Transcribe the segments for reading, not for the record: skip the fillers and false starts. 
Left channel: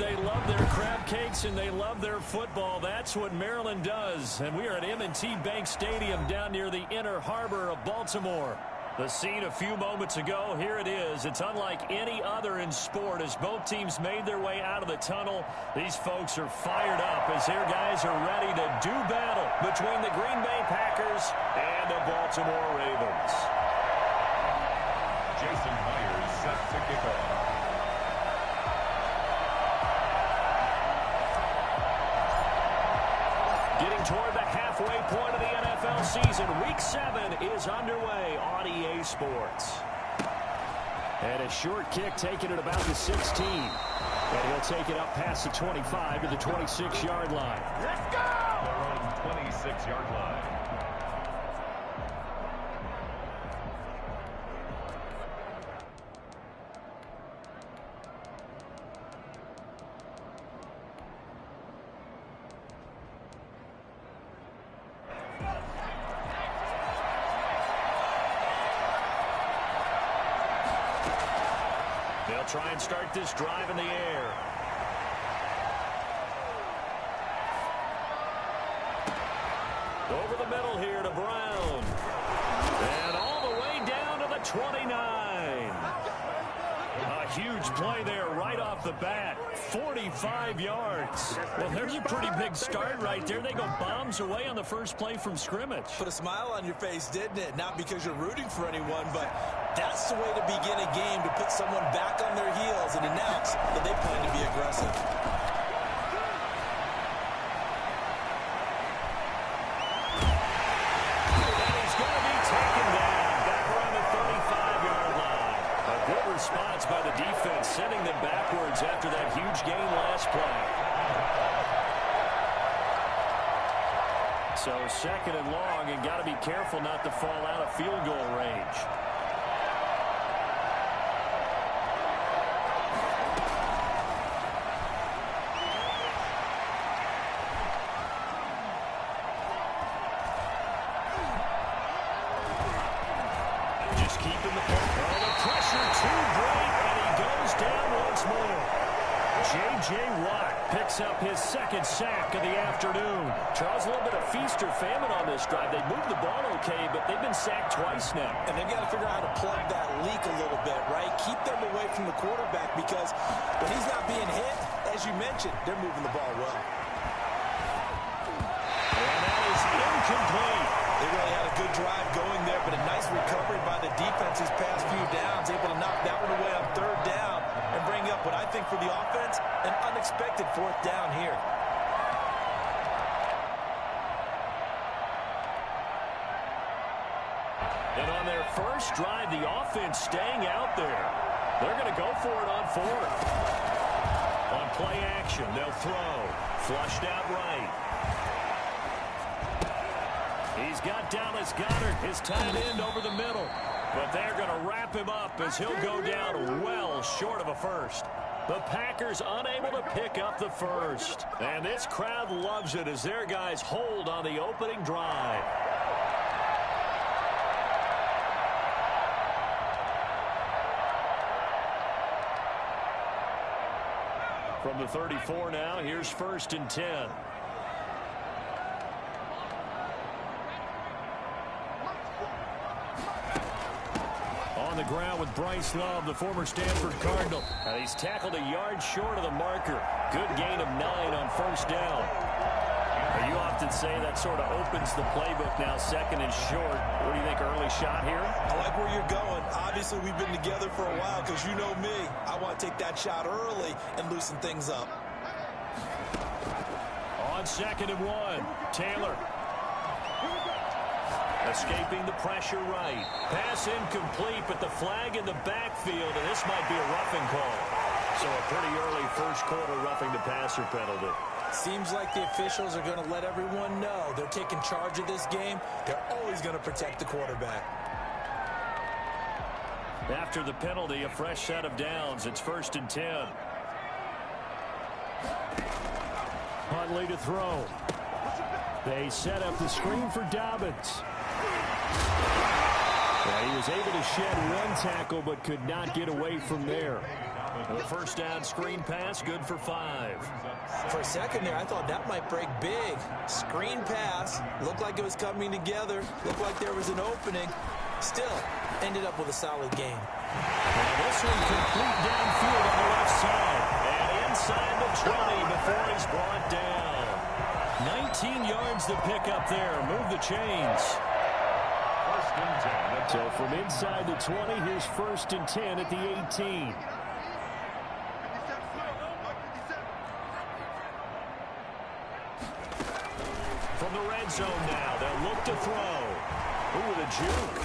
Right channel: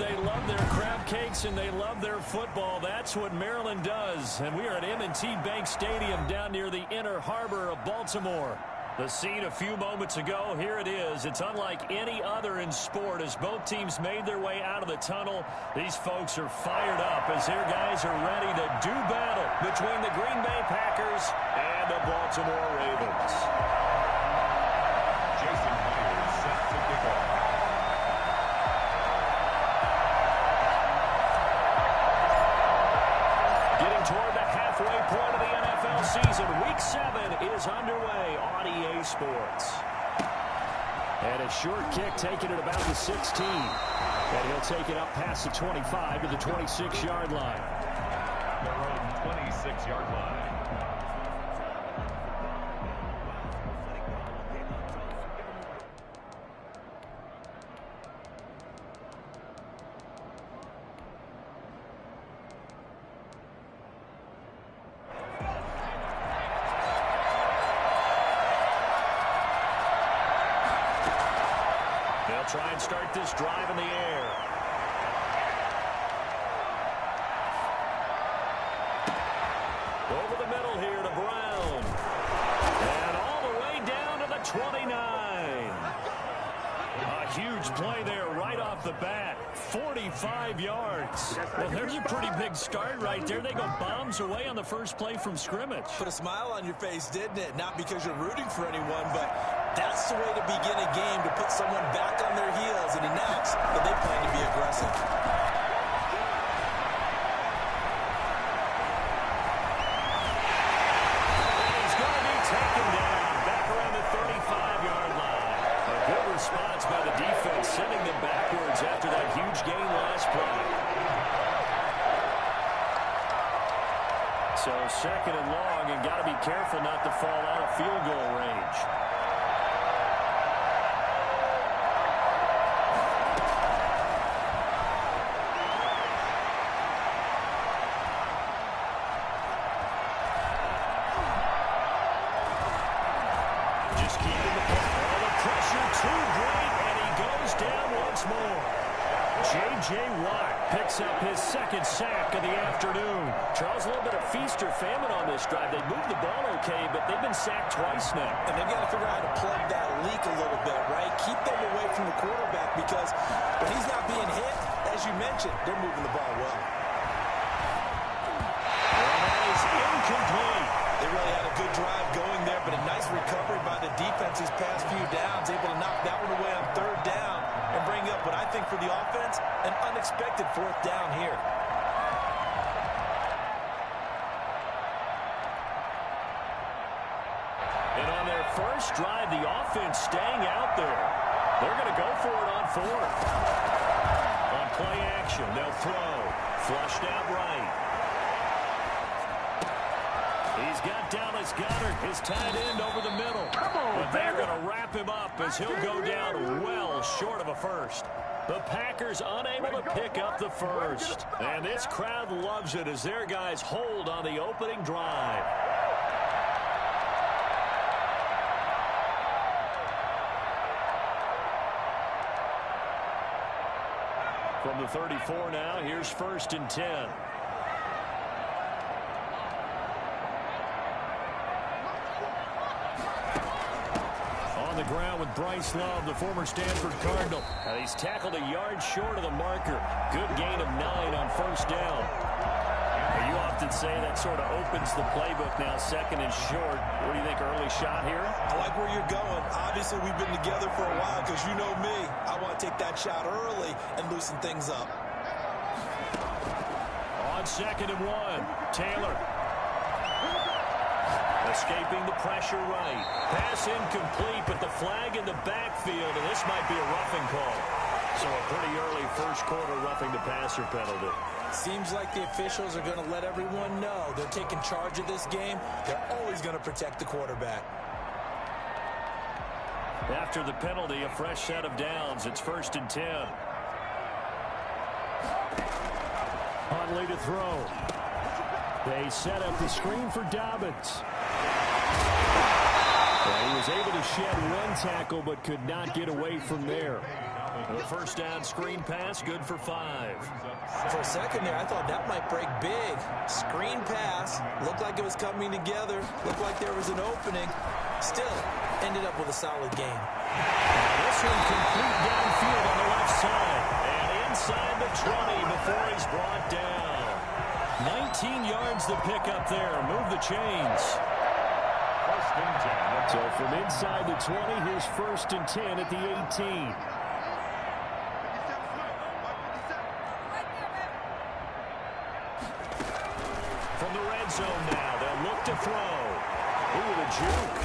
They love their crab cakes and they love their football. That's what Maryland does. And we are at M&T Bank Stadium down near the Inner Harbor of Baltimore. The scene a few moments ago, here it is. It's unlike any other in sport as both teams made their way out of the tunnel. These folks are fired up as their guys are ready to do battle between the Green Bay Packers and the Baltimore Ravens. Jason Myers set to kick off. Getting toward the halfway point of the NFL season. Week 7 is underway on EA Sports. And a short kick taken at about the 16. And he'll take it up past the 25 to the 26-yard line. Their own 26-yard line. They'll try and start this drive in the air. Over the middle here to Brown. And all the way down to the 29. A huge play there right off the bat. 45 yards. Well, there's a pretty big start right there. They go bombs away on the first play from scrimmage. Put a smile on your face, didn't it? Not because you're rooting for anyone, but that's the way to begin a game, to put someone back on their heels and announce that they plan to be aggressive. And he's going to be taken down back around the 35-yard line. A good response by the defense, sending them backwards after that huge gain last play. So second and long, and got to be careful not to fall out of field goal range. Just keeping the ball. Oh, the pressure too great, and he goes down once more. J.J. Watt picks up his second sack of the afternoon. Charles, a little bit of feast or famine on this drive. They moved the ball okay, but they've been sacked twice now. And they've got to figure out how to plug that leak a little bit, right? Keep them away from the quarterback because when he's not being hit, as you mentioned, they're moving the ball well. And that is incomplete. They really had a good drive going there, but a nice recovery by the defense these past few downs, able to knock that one away on third down and bring up what I think for the offense, an unexpected fourth down here. And on their first drive, the offense staying out there. They're going to go for it on fourth. On play action, they'll throw. Flushed out right. He's got Dallas Goedert, his tight end, over the middle. But they're going to wrap him up as he'll go down well short of a first. The Packers unable to pick up the first. And this crowd loves it as their guys hold on the opening drive. From the 34 now, here's 1st and 10. On the ground with Bryce Love, the former Stanford Cardinal. And he's tackled a yard short of the marker. Good gain of 9 on first down. You often say that sort of opens the playbook now, 2nd and short. What do you think, early shot here? I like where you're going. Obviously, we've been together for a while because you know me. I want to take that shot early and loosen things up. On 2nd and 1, Taylor. Escaping the pressure right. Pass incomplete, but the flag in the backfield, and this might be a roughing call. So a pretty early first quarter roughing the passer penalty. Seems like the officials are going to let everyone know they're taking charge of this game. They're always going to protect the quarterback. After the penalty, a fresh set of downs. It's 1st and 10. Huntley to throw. They set up the screen for Dobbins. Yeah, he was able to shed one tackle but could not get away from there. The first down screen pass, good for 5. For a second there, I thought that might break big. Screen pass, looked like it was coming together, looked like there was an opening. Still, ended up with a solid gain. Now this one complete downfield on the left side. And inside the 20 before he's brought down. 19 yards to pick up there. Move the chains. First and 10. So from inside the 20, here's first and 10 at the 18. From the red zone now, they'll look to throw. Ooh, the juke.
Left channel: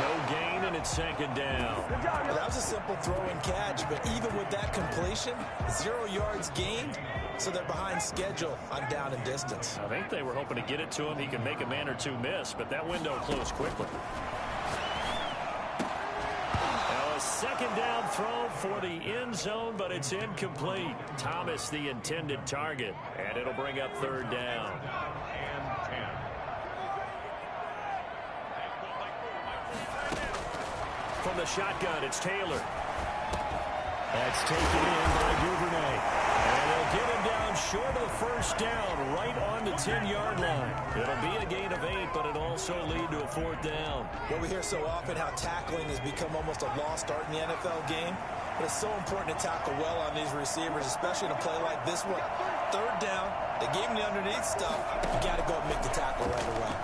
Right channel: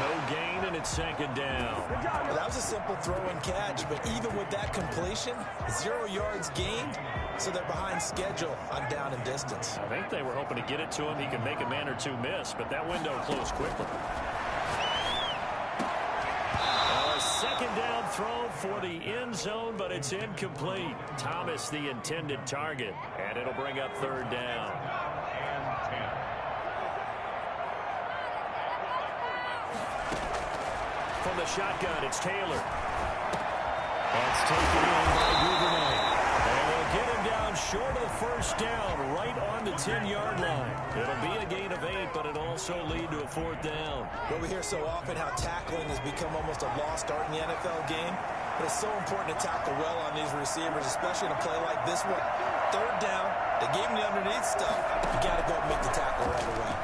No gain, and it's second down. Well, that was a simple throw and catch, but even with that completion, 0 yards gained, so they're behind schedule on down and distance. I think they were hoping to get it to him. He can make a man or two miss, but that window closed quickly. Now a second down throw for the end zone, but it's incomplete. Thomas, the intended target, and it'll bring up third down. And 10. From the shotgun, it's Taylor. That's taken in by Duvernay. And they'll get him down short of the first down, right on the 10-yard line. It'll be a gain of 8, but it'll also lead to a fourth down. Well, we hear so often how tackling has become almost a lost art in the NFL game. But it's so important to tackle well on these receivers, especially in a play like this one. Third down, they gave him the underneath stuff. You got to go and make the tackle right away.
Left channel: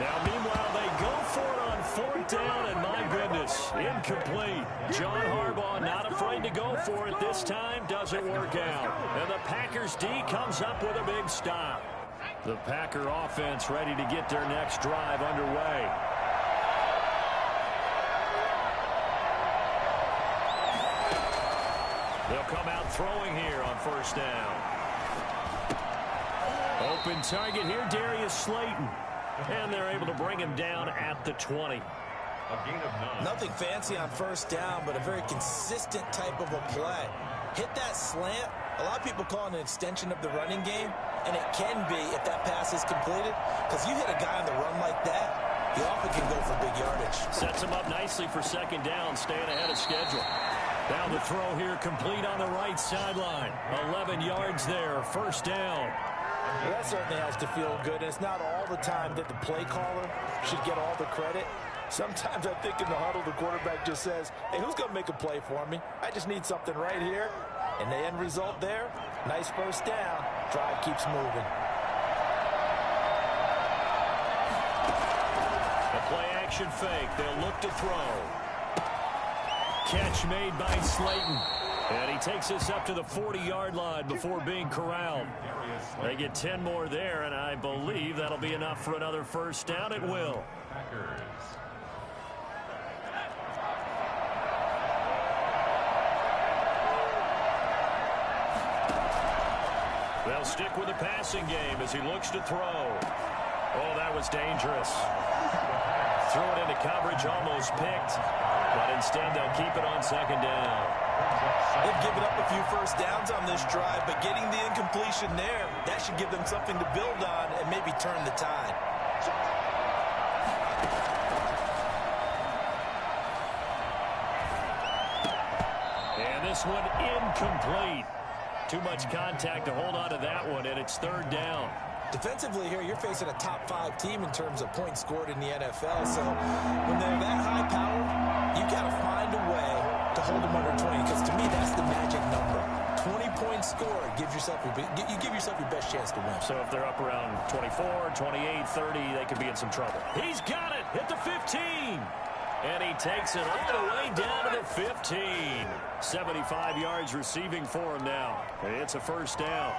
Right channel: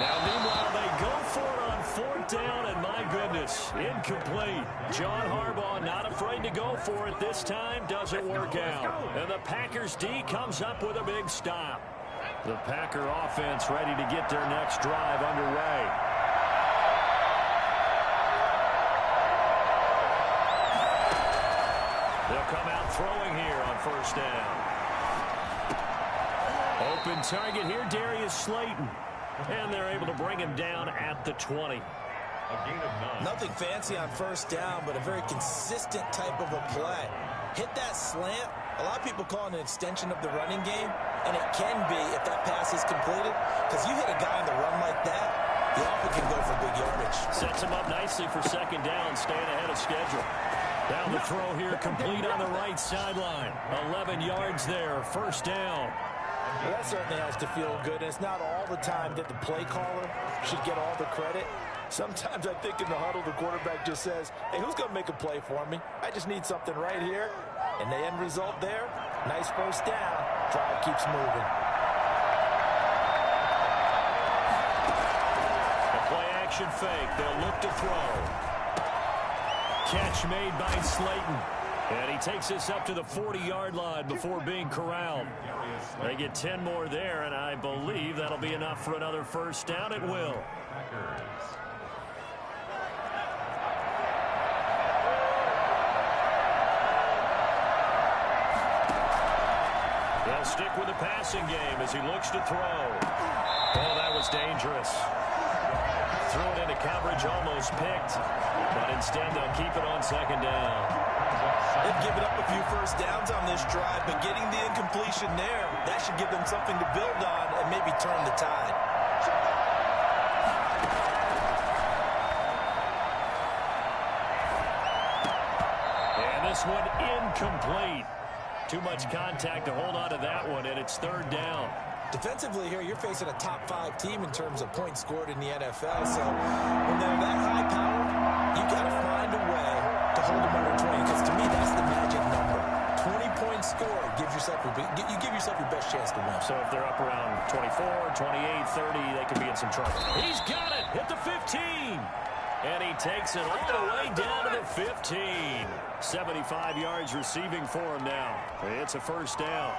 Now, meanwhile, they go for it on fourth down, and my goodness, incomplete. John Harbaugh not afraid to go for it this time. Doesn't work out. And the Packers D comes up with a big stop. The Packer offense ready to get their next drive underway. They'll come out throwing here on first down. Open target here, Darius Slayton. And they're able to bring him down at the 20. A gain of 9. Nothing fancy on first down, but a very consistent type of a play. Hit that slant. A lot of people call it an extension of the running game, and it can be if that pass is completed, because you hit a guy on the run like that, he often can go for big yardage. Sets him up nicely for second down, staying ahead of schedule. Now the throw here complete on the right sideline. 11 yards there, first down. Well, that certainly has to feel good, and it's not all the time that the play caller should get all the credit. Sometimes I think in the huddle, the quarterback just says, hey, who's going to make a play for me? I just need something right here. And the end result there, nice first down. Drive keeps moving. The play action fake. They'll look to throw. Catch made by Slayton. And he takes us up to the 40-yard line before being corralled. They get 10 more there, and I believe that'll be enough for another first down. It will. Packers. They'll stick with the passing game as he looks to throw. Oh, that was dangerous. Threw it into coverage, almost picked. But instead, they'll keep it on second down. They've given up a few first downs on this drive, but getting the incompletion there, that should give them something to build on and maybe turn the tide. And this one incomplete. Too much contact to hold on to that one, and it's third down. Defensively here, you're facing a top-5 team in terms of points scored in the NFL. So when they're that high power, you got to find a way to hold them under 20. Because to me, that's the magic number. 20 points scored, you give yourself your best chance to win. So if they're up around 24, 28, 30, they could be in some trouble. He's got it. Hit the 15. And he takes it all the way down to the 15. 75 yards receiving for him now. It's a first down.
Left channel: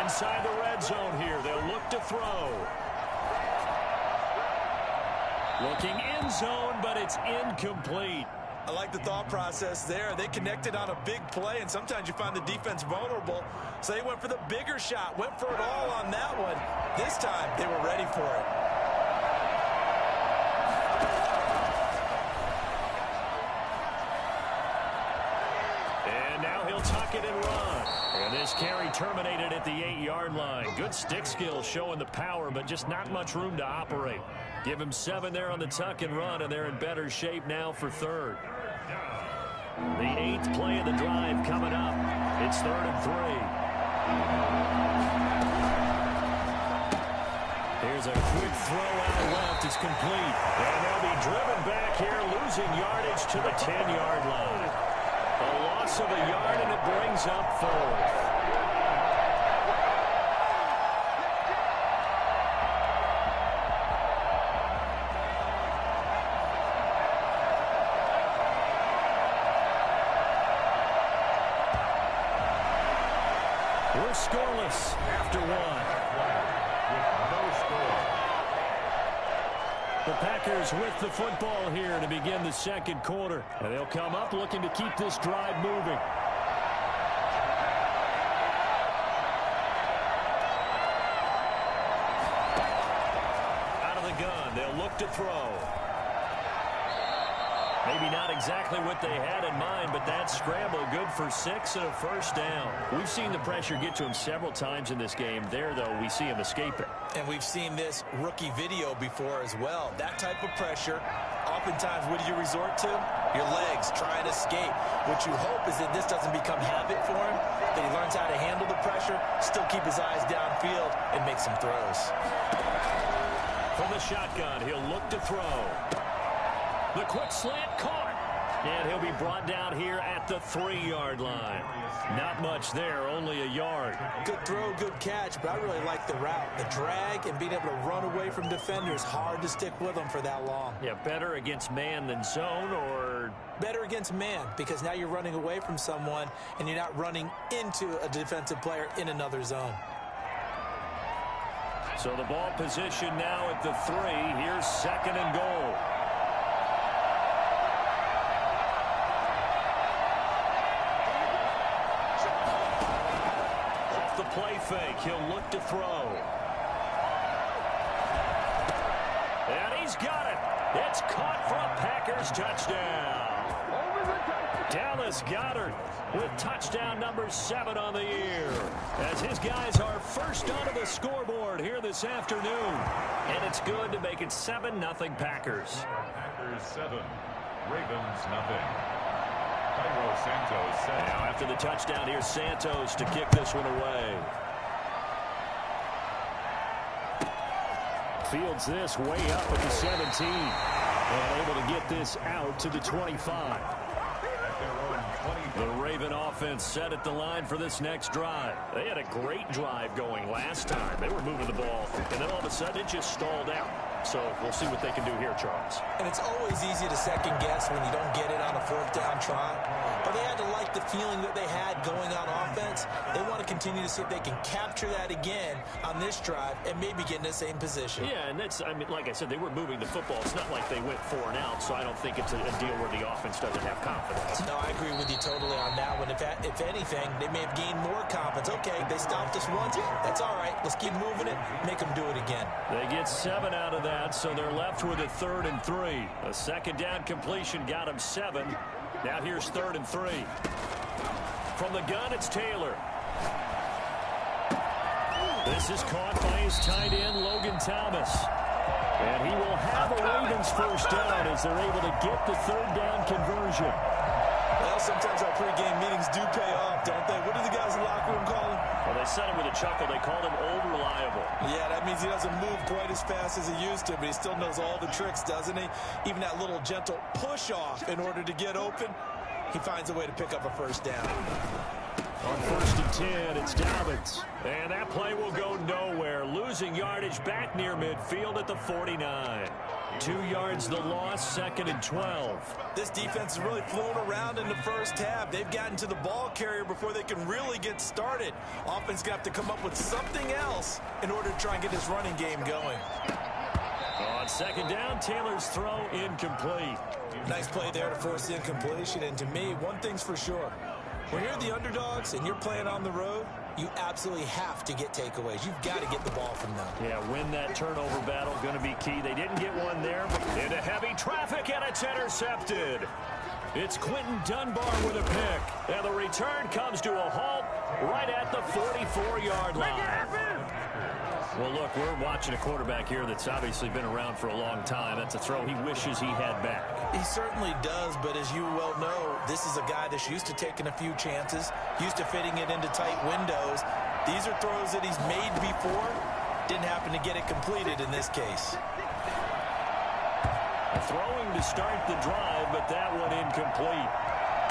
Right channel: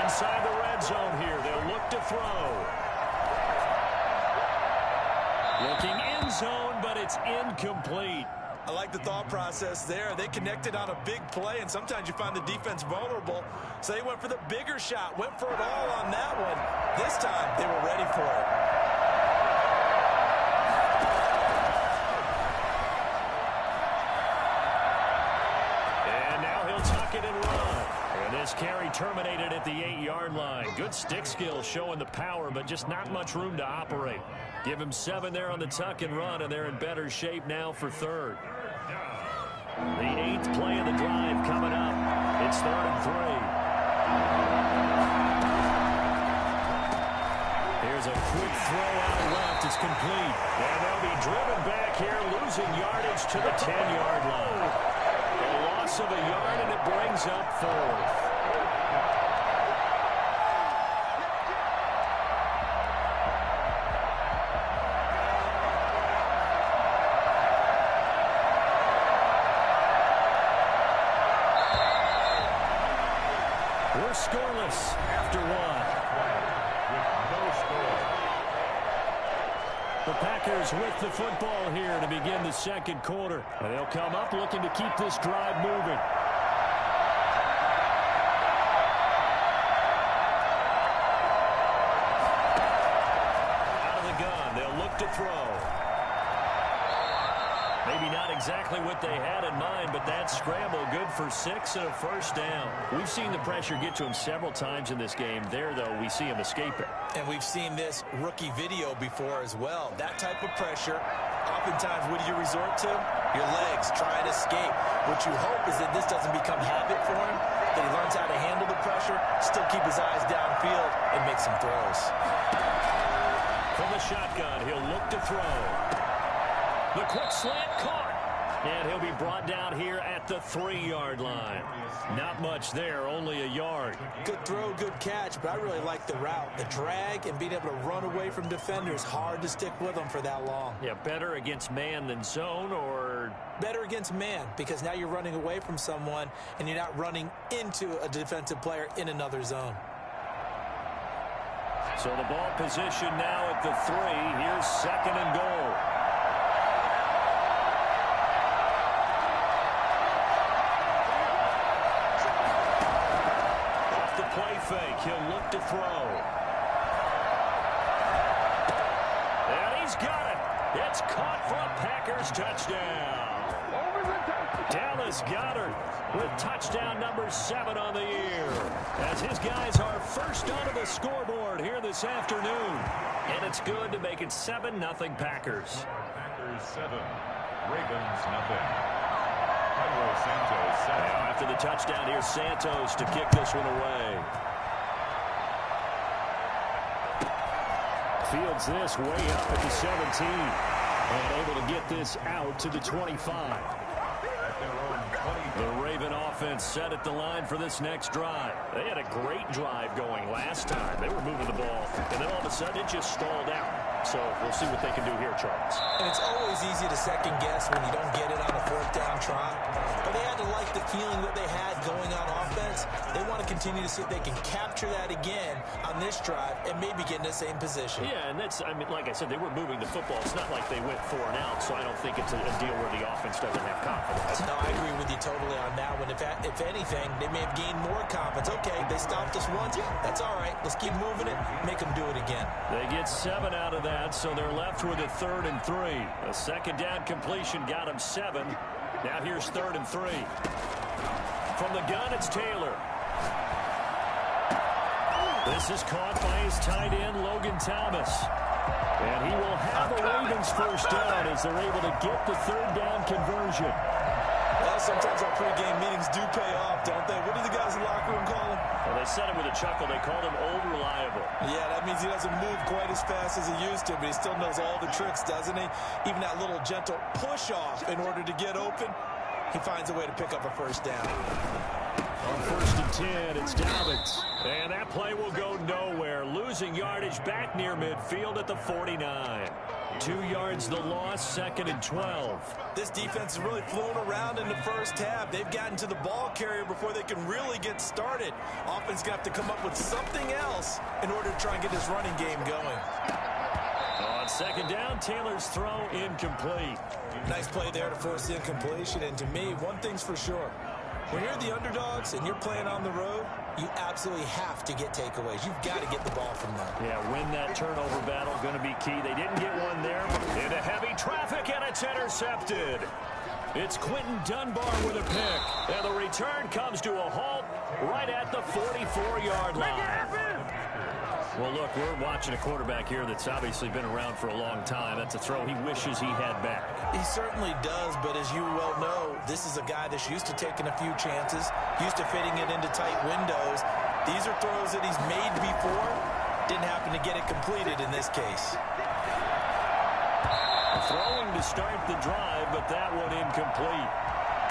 Inside the red zone here, they'll look to throw. Looking end zone, but it's incomplete. I like the thought process there. They connected on a big play, and sometimes you find the defense vulnerable. So they went for the bigger shot, went for it all on that one. This time, they were ready for it. it and run. And this carry terminated at the 8-yard line. Good stick skill showing the power, but just not much room to operate. Give him 7 there on the tuck and run, and they're in better shape now for third. The 8th play of the drive coming up. It's 3rd and 3. Here's a quick throw out left. It's complete. And they'll be driven back here, losing yardage to the 10-yard line. A loss of a yard, and it brings up 4th. We're scoreless after 1. With no score. The Packers with the football here to begin the second quarter. And they'll come up looking to keep this drive moving. Out of the gun, they'll look to throw. Maybe not exactly what they had in mind, but that scramble good for 6 and a first down. We've seen the pressure get to him several times in this game. There, though, we see him escape it. And we've seen this rookie video before as well. That type of pressure, oftentimes, what do you resort to? Your legs, try and escape. What you hope is that this doesn't become habit for him, that he learns how to handle the pressure, still keep his eyes downfield, and make some throws. From the shotgun, he'll look to throw. The quick slant caught. And he'll be brought down here at the 3-yard line. Not much there, only a yard. Good throw, good catch, but I really like the route. The drag and being able to run away from defenders, hard to stick with them for that long. Yeah, better against man than zone, or? Better against man, because now you're running away from someone and you're not running into a defensive player in another zone. So the ball position now at the 3. Here's 2nd and goal. Play fake. He'll look to throw. And he's got it. It's caught for a Packers touchdown. Dallas Goedert with touchdown number 7 on the year, as his guys are first onto the scoreboard here this afternoon. And it's good to make it 7-0 Packers. Packers 7, Ravens nothing. Santos now after the touchdown, here's Santos to kick this one away. Fields this way up at the 17 and able to get this out to the 25. At their own 20. The Raven offense set at the line for this next drive. They had a great drive going last time. They were moving the ball, and then all of a sudden it just stalled out. So we'll see what they can do here, Charles. And it's always easy to second guess when you don't get it on a 4th down try. But they had to like the feeling that they had going on offense. They want to continue to see if they can capture that again on this drive and maybe get in the same position. Yeah, and that's, I mean, like I said, they were moving the football. It's not like they went 4 and out, so I don't think it's a deal where the offense doesn't have confidence. No, I agree with you totally on that one. If anything, they may have gained more confidence. Okay, they stopped us once. That's all right. Let's keep moving it. Make them do it again. They get 7 out of that, so they're left with a 3rd and 3. A 2nd down completion got them 7. Now here's 3rd and 3. From the gun, it's Taylor. This is caught by his tight end, Logan Thomas. And he will have a Ravens first down as they're able to get the 3rd down conversion. Well, sometimes our pregame meetings do pay off, don't they? What do the guys in the locker room call him? Well, they said it with a chuckle. They called him Old Reliable. Yeah, that means he doesn't move quite as fast as he used to, but he still knows all the tricks, doesn't he? Even that little gentle push-off in order to get open, he finds a way to pick up a first down. On 1st and 10, it's Dobbins. And that play will go nowhere. Losing yardage back near midfield at the 49. 2 yards the loss, 2nd and 12. This defense has really flown around in the first half. They've gotten to the ball carrier before they can really get started. Offense got to come up with something else in order to try and get this running game going. On 2nd down, Taylor's throw incomplete. Nice play there to force the incompletion. And to me, one thing's for sure. When you're the underdogs and you're playing on the road, you absolutely have to get takeaways. You've got to get the ball from them. Yeah, win that turnover battle, going to be key. They didn't get one there. Into heavy traffic, and it's intercepted. It's Quentin Dunbar with a pick. And the return comes to a halt right at the 44-yard line. Well, look, we're watching a quarterback here that's obviously been around for a long time. That's a throw he wishes he had back. He certainly does, but as you well know, this is a guy that's used to taking a few chances, used to fitting it into tight windows. These are throws that he's made before. Didn't happen to get it completed in this case. Throwing to start the drive, but that one incomplete.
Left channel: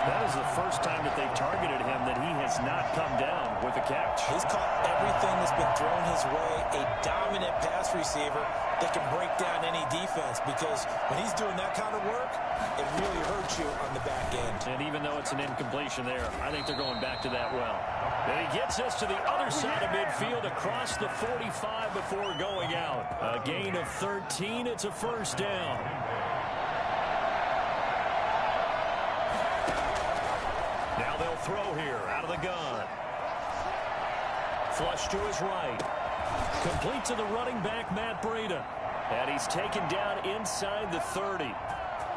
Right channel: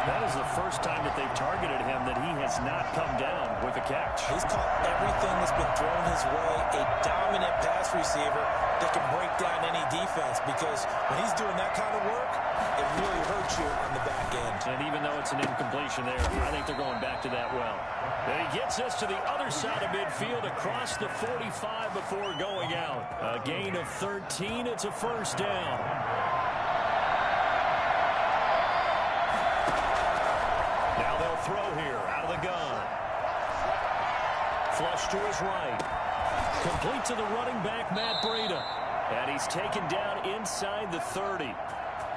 That is the first time that they've targeted him that he has not come down with a catch. He's caught everything that's been thrown his way. A dominant pass receiver that can break down any defense, because when he's doing that kind of work, it really hurts you on the back end. And even though it's an incompletion there, I think they're going back to that well. And he gets us to the other side of midfield across the 45 before going out. A gain of 13. It's a first down. Now they'll throw here out of the gun. Flush to his right. Complete to the running back, Matt Breida. And he's taken down inside the 30.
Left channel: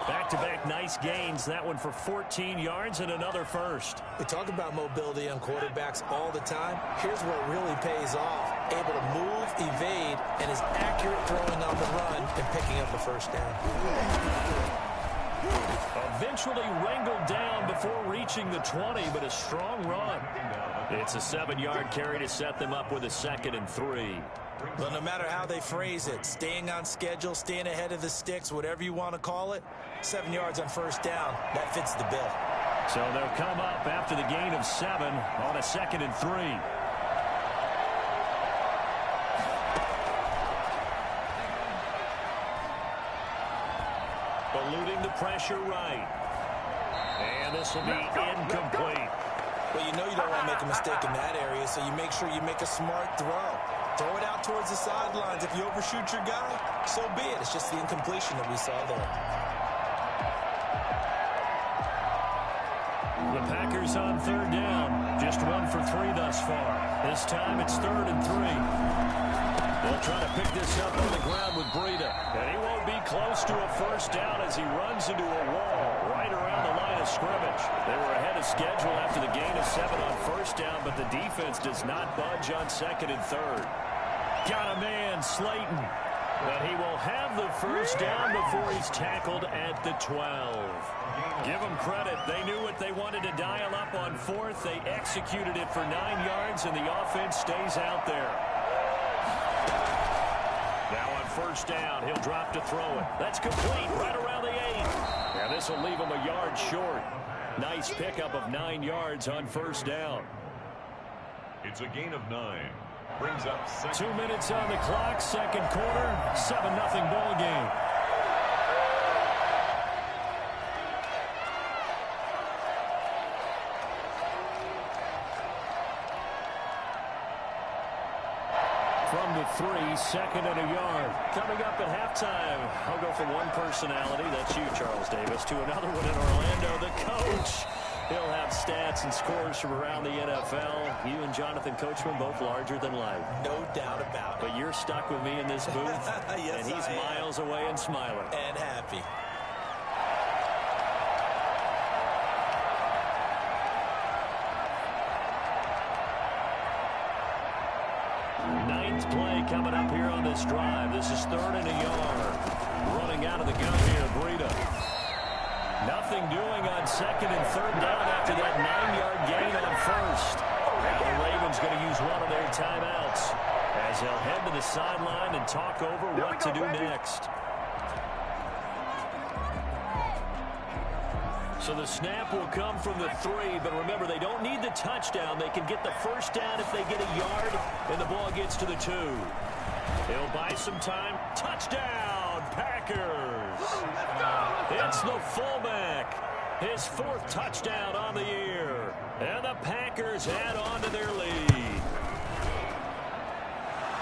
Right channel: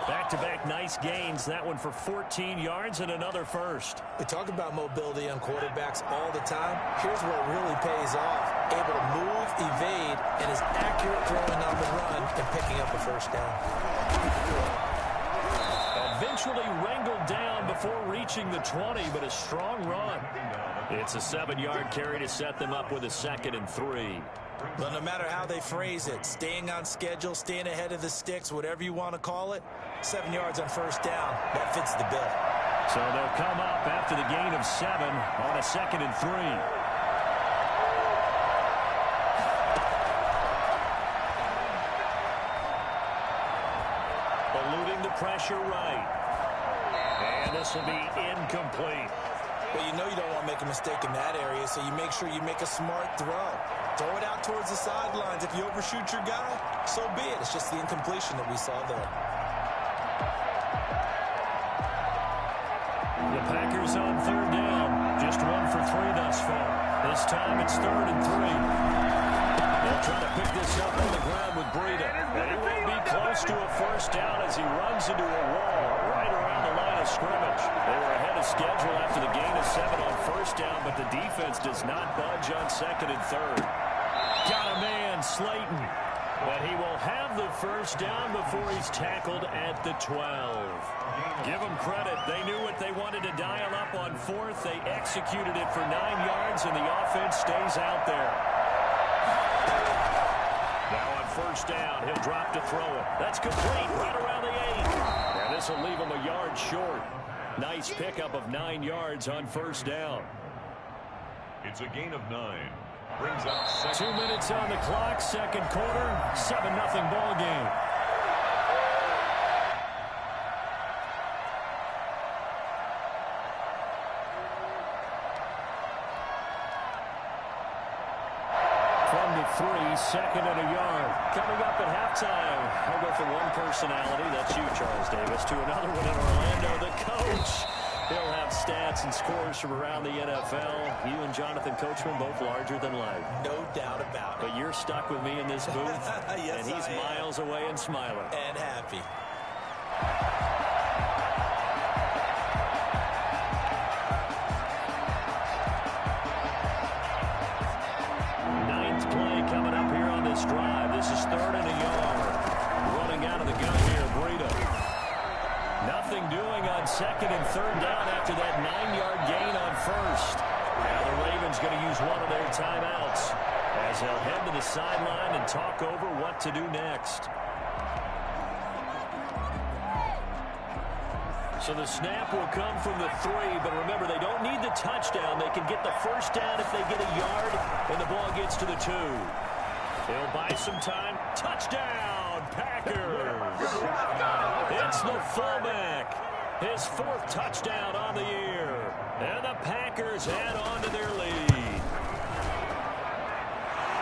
Back-to-back nice gains. That one for 14 yards and another first. We talk about mobility on quarterbacks all the time. Here's where it really pays off. Able to move, evade, and is accurate throwing on the run and picking up a first down. Eventually wrangled down before reaching the 20, but a strong run. It's a 7-yard carry to set them up with a 2nd and 3. But no matter how they phrase it, staying on schedule, staying ahead of the sticks, whatever you want to call it, 7 yards on first down, that fits the bill. So they'll come up after the gain of 7 on a 2nd and 3. Eluding the pressure right. And this will be incomplete. Well, you know you don't want to make a mistake in that area, so you make sure you make a smart throw. Throw it out towards the sidelines. If you overshoot your guy, so be it. It's just the incompletion that we saw there. The Packers on 3rd down. Just 1 for 3 thus far. This time it's 3rd and 3. They'll try to pick this up on the ground with Breida. And he won't be close to a first down as he runs into a wall right around the line of scrimmage. They were ahead of schedule after the gain of 7 on first down, but the defense does not budge on 2nd and 3rd. Got a man, Slayton. But he will have the first down before he's tackled at the 12. Give them credit. They knew what they wanted to dial up on 4th. They executed it for 9 yards, and the offense stays out there. Now on first down, he'll drop to throw it. That's complete right around the 8. And this will leave him a yard short. Nice pickup of 9 yards on first down. It's a gain of 9. Brings up 2 minutes on the clock, 2nd quarter, 7-0 ball game. From the 3, 2nd and a yard. Coming up at halftime, I'll go from one personality, that's you, Charles Davis, to another one in Orlando, the coach. He'll have stats and scores from around the NFL. You and Jonathan Coachman both larger than life. No doubt about it. But you're stuck with me in this booth, yes, and he's miles away and smiling. And happy. Ninth play coming up here on this drive. This is 3rd and a yard. Running out of the gun here, Breida. Nothing doing on 2nd and 3rd down after that 9-yard gain on first. Now the Ravens going to use one of their timeouts as they'll head to the sideline and talk over what to do next. So the snap will come from the 3, but remember, they don't need the touchdown. They can get the first down if they get a yard, and the ball gets to the 2. He'll buy some time. Touchdown, Packers. It's the fullback. His 4th touchdown on the year. And the Packers add on to their lead.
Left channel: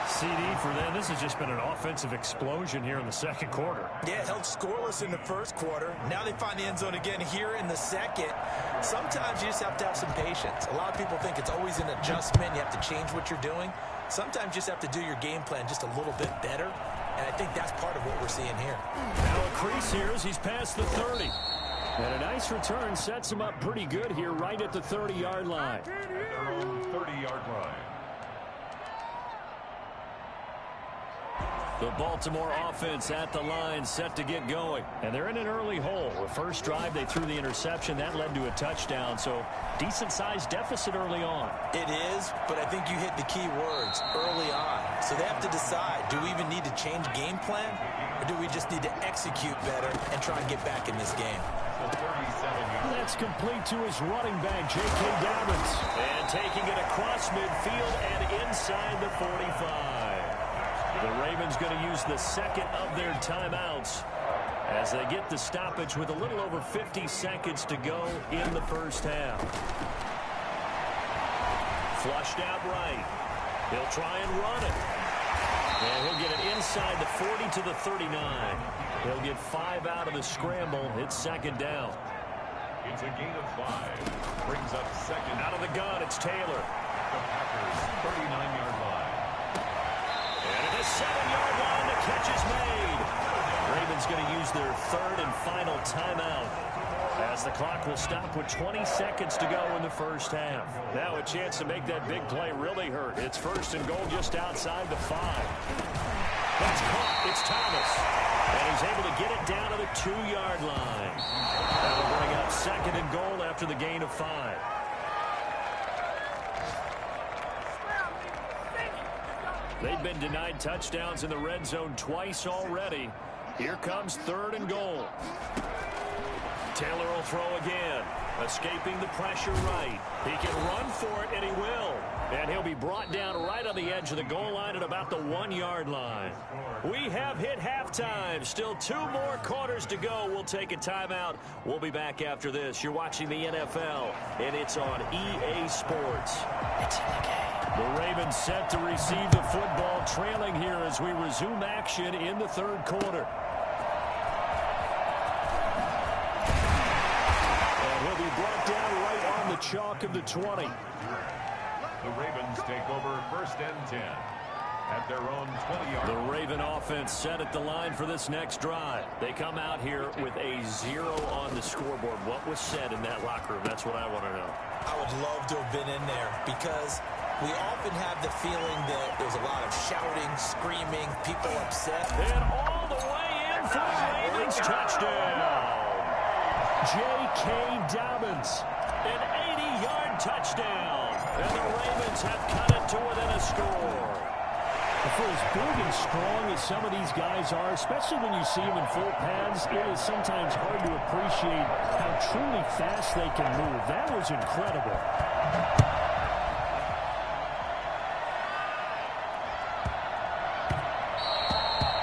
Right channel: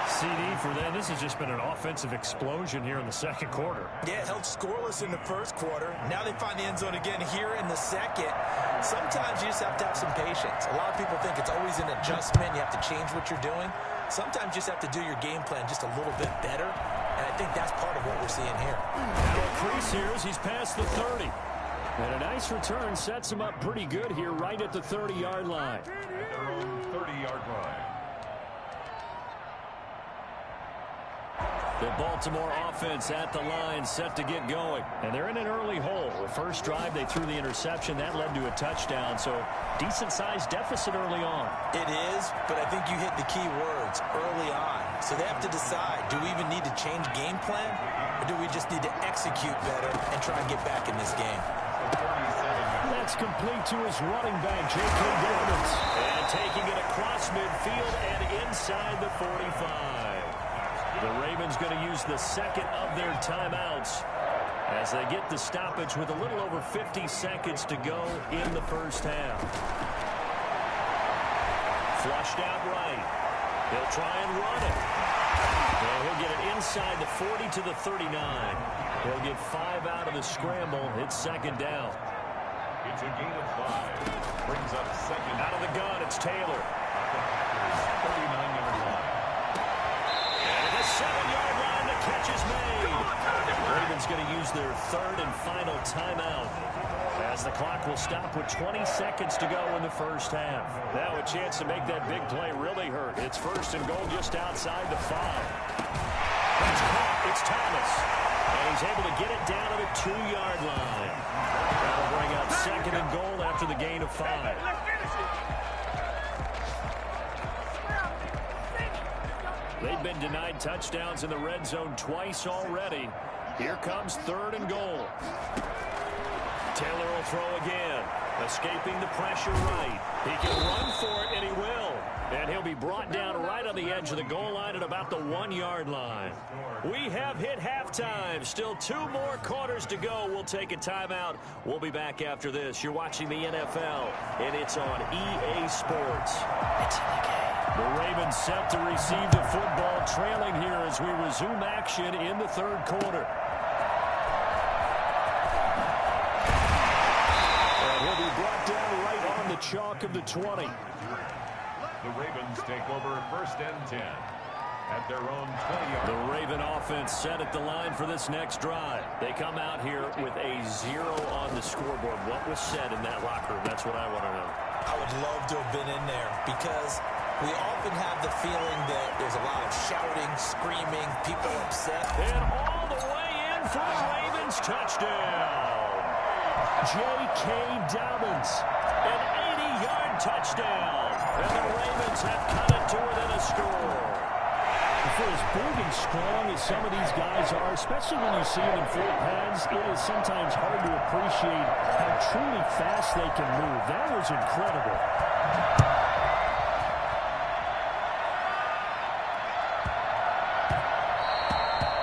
CD for them. This has just been an offensive explosion here in the 2nd quarter. Yeah, held scoreless in the 1st quarter. Now they find the end zone again here in the 2nd. Sometimes you just have to have some patience. A lot of people think it's always an adjustment. You have to change what you're doing. Sometimes you just have to do your game plan just a little bit better. And I think that's part of what we're seeing here. Now a crease here as he's past the 30. And a nice return sets him up pretty good here right at the 30-yard line. At their own 30-yard line. The Baltimore offense at the line set to get going. And they're in an early hole. The first drive, they threw the interception. That led to a touchdown. So decent-sized deficit early on. It is, but I think you hit the key words, early on. So they have to decide, do we even need to change game plan? Or do we just need to execute better and try and get back in this game? That's complete to his running back, J.K. Dobbins. And taking it across midfield and inside the 45. The Ravens going to use the second of their timeouts as they get the stoppage with a little over 50 seconds to go in the first half. Flushed out right. He'll try and run it. And he'll get it inside the 40 to the 39. He'll get 5 out of the scramble. It's second down. It's a gain of 5. Brings up second. Out of the gun, it's Taylor. At the Packers' 39-yard line. And at the 7-yard line, the catch is made. Ravens going to use their third and final timeout as the clock will stop with 20 seconds to go in the first half. Now a chance to make that big play really hurt. It's first and goal just outside the 5. That's caught. It's Thomas. And he's able to get it down to the 2-yard line. That'll bring up second and goal after the gain of 5. They've been denied touchdowns in the red zone twice already. Here comes third and goal. Taylor will throw again. Escaping the pressure right. He can run for it, and he will. And he'll be brought down right on the edge of the goal line at about the 1-yard line. We have hit halftime. Still 2 more quarters to go. We'll take a timeout. We'll be back after this. You're watching the NFL, and it's on EA Sports. It's in the game. The Ravens set to receive the football, trailing here as we resume action in the third quarter. And he'll be brought down right on the chalk of the 20. The Ravens take over first and 10 at their own 20-yard line. The Raven offense set at the line for this next drive. They come out here with a 0 on the scoreboard. What was said in that locker room? That's what I want to know. I would love to have been in there because we often have the feeling that there's a lot of shouting, screaming, people upset. And all the way in for the Ravens touchdown. J.K. Dobbins, an 80-yard touchdown. And the Ravens have cut it to within a score. For as big and strong as some of these guys are, especially when you see them in full pads, it is sometimes hard to appreciate how truly fast they can move. That was incredible.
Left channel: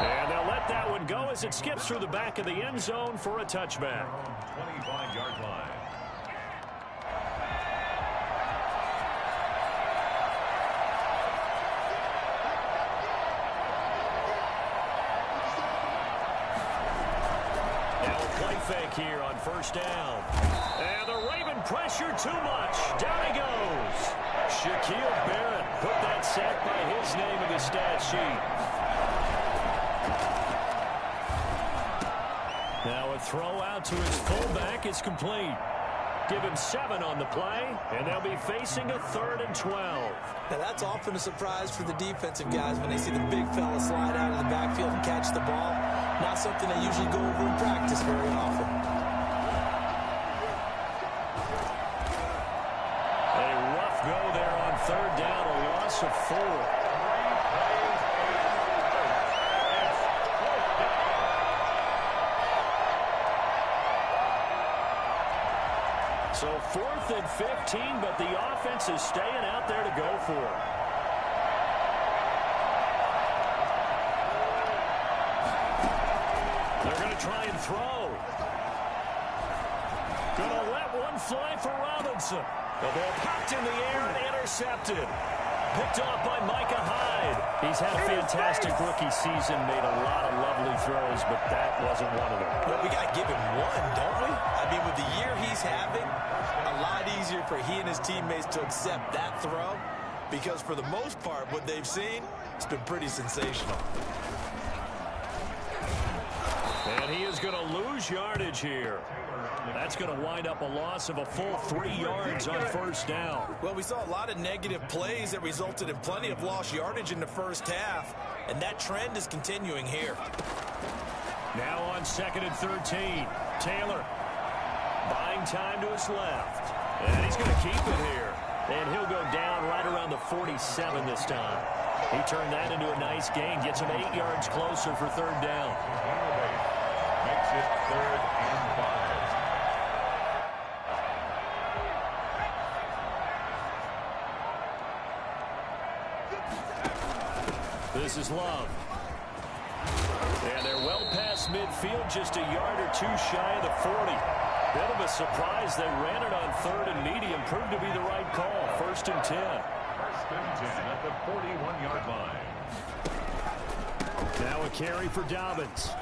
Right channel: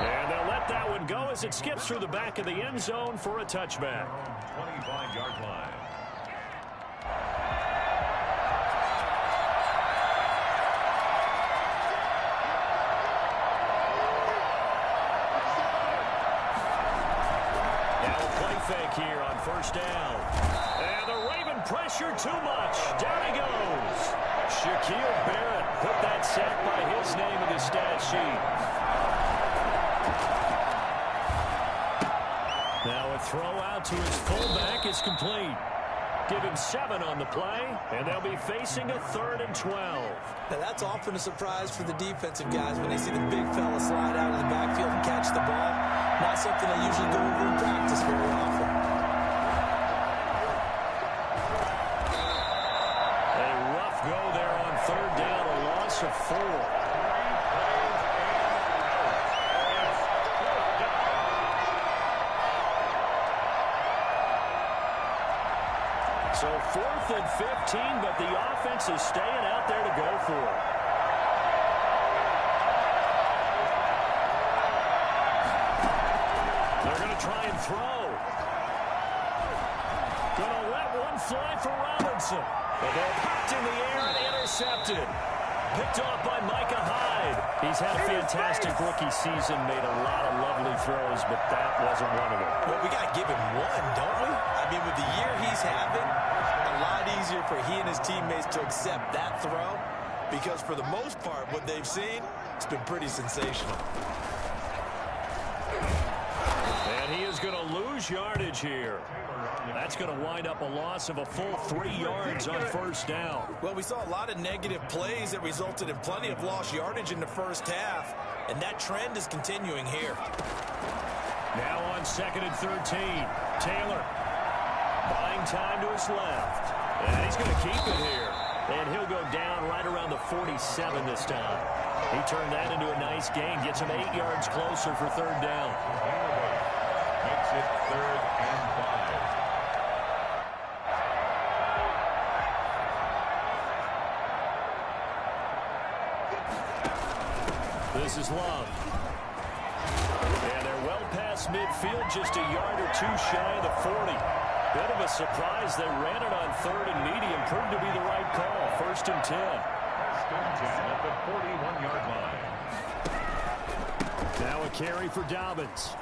And they'll let that one go as it skips through the back of the end zone for a touchback. 25-yard line. Fake here on first down. And the Raven pressure too much. Down he goes. Shaquille Barrett put that sack by his name in the stat sheet. Now a throw out to his fullback is complete. Give him 7 on the play, and they'll be facing a 3rd and 12. Now that's often a surprise for the defensive guys when they see the big fella slide out of the backfield and catch the ball. Not something they usually go over in practice very often. A rough go there on 3rd down, a loss of 4. So 4th and 15, but the offense is staying out there to go for it. They're going to try and throw. Going to let one fly for Robinson. The ball popped in the air and intercepted. Picked off by Micah Hyde. He's had a fantastic rookie season, made a lot of lovely throws, but that wasn't one of them. Well, we got to give him one, don't we? I mean, with the year he's having, a lot easier for he and his teammates to accept that throw because for the most part, what they've seen, it's been pretty sensational. And he is going to lose yardage here. That's going to wind up a loss of a full 3 yards on first down. Well, we saw a lot of negative plays that resulted in plenty of lost yardage in the first half, and that trend is continuing here. Now on 2nd and 13. Taylor buying time to his left. And he's going to keep it here. And he'll go down right around the 47 this time. He turned that into a nice gain. Gets him 8 yards closer for 3rd down. Makes it 3rd and 5. This is Love. And they're well past midfield, just a yard or 2 shy of the 40. Bit of a surprise. They ran it on 3rd and medium. Proved to be the right call. 1st and 10. 1st and 10 at the 41-yard line. Now a carry for Dobbins.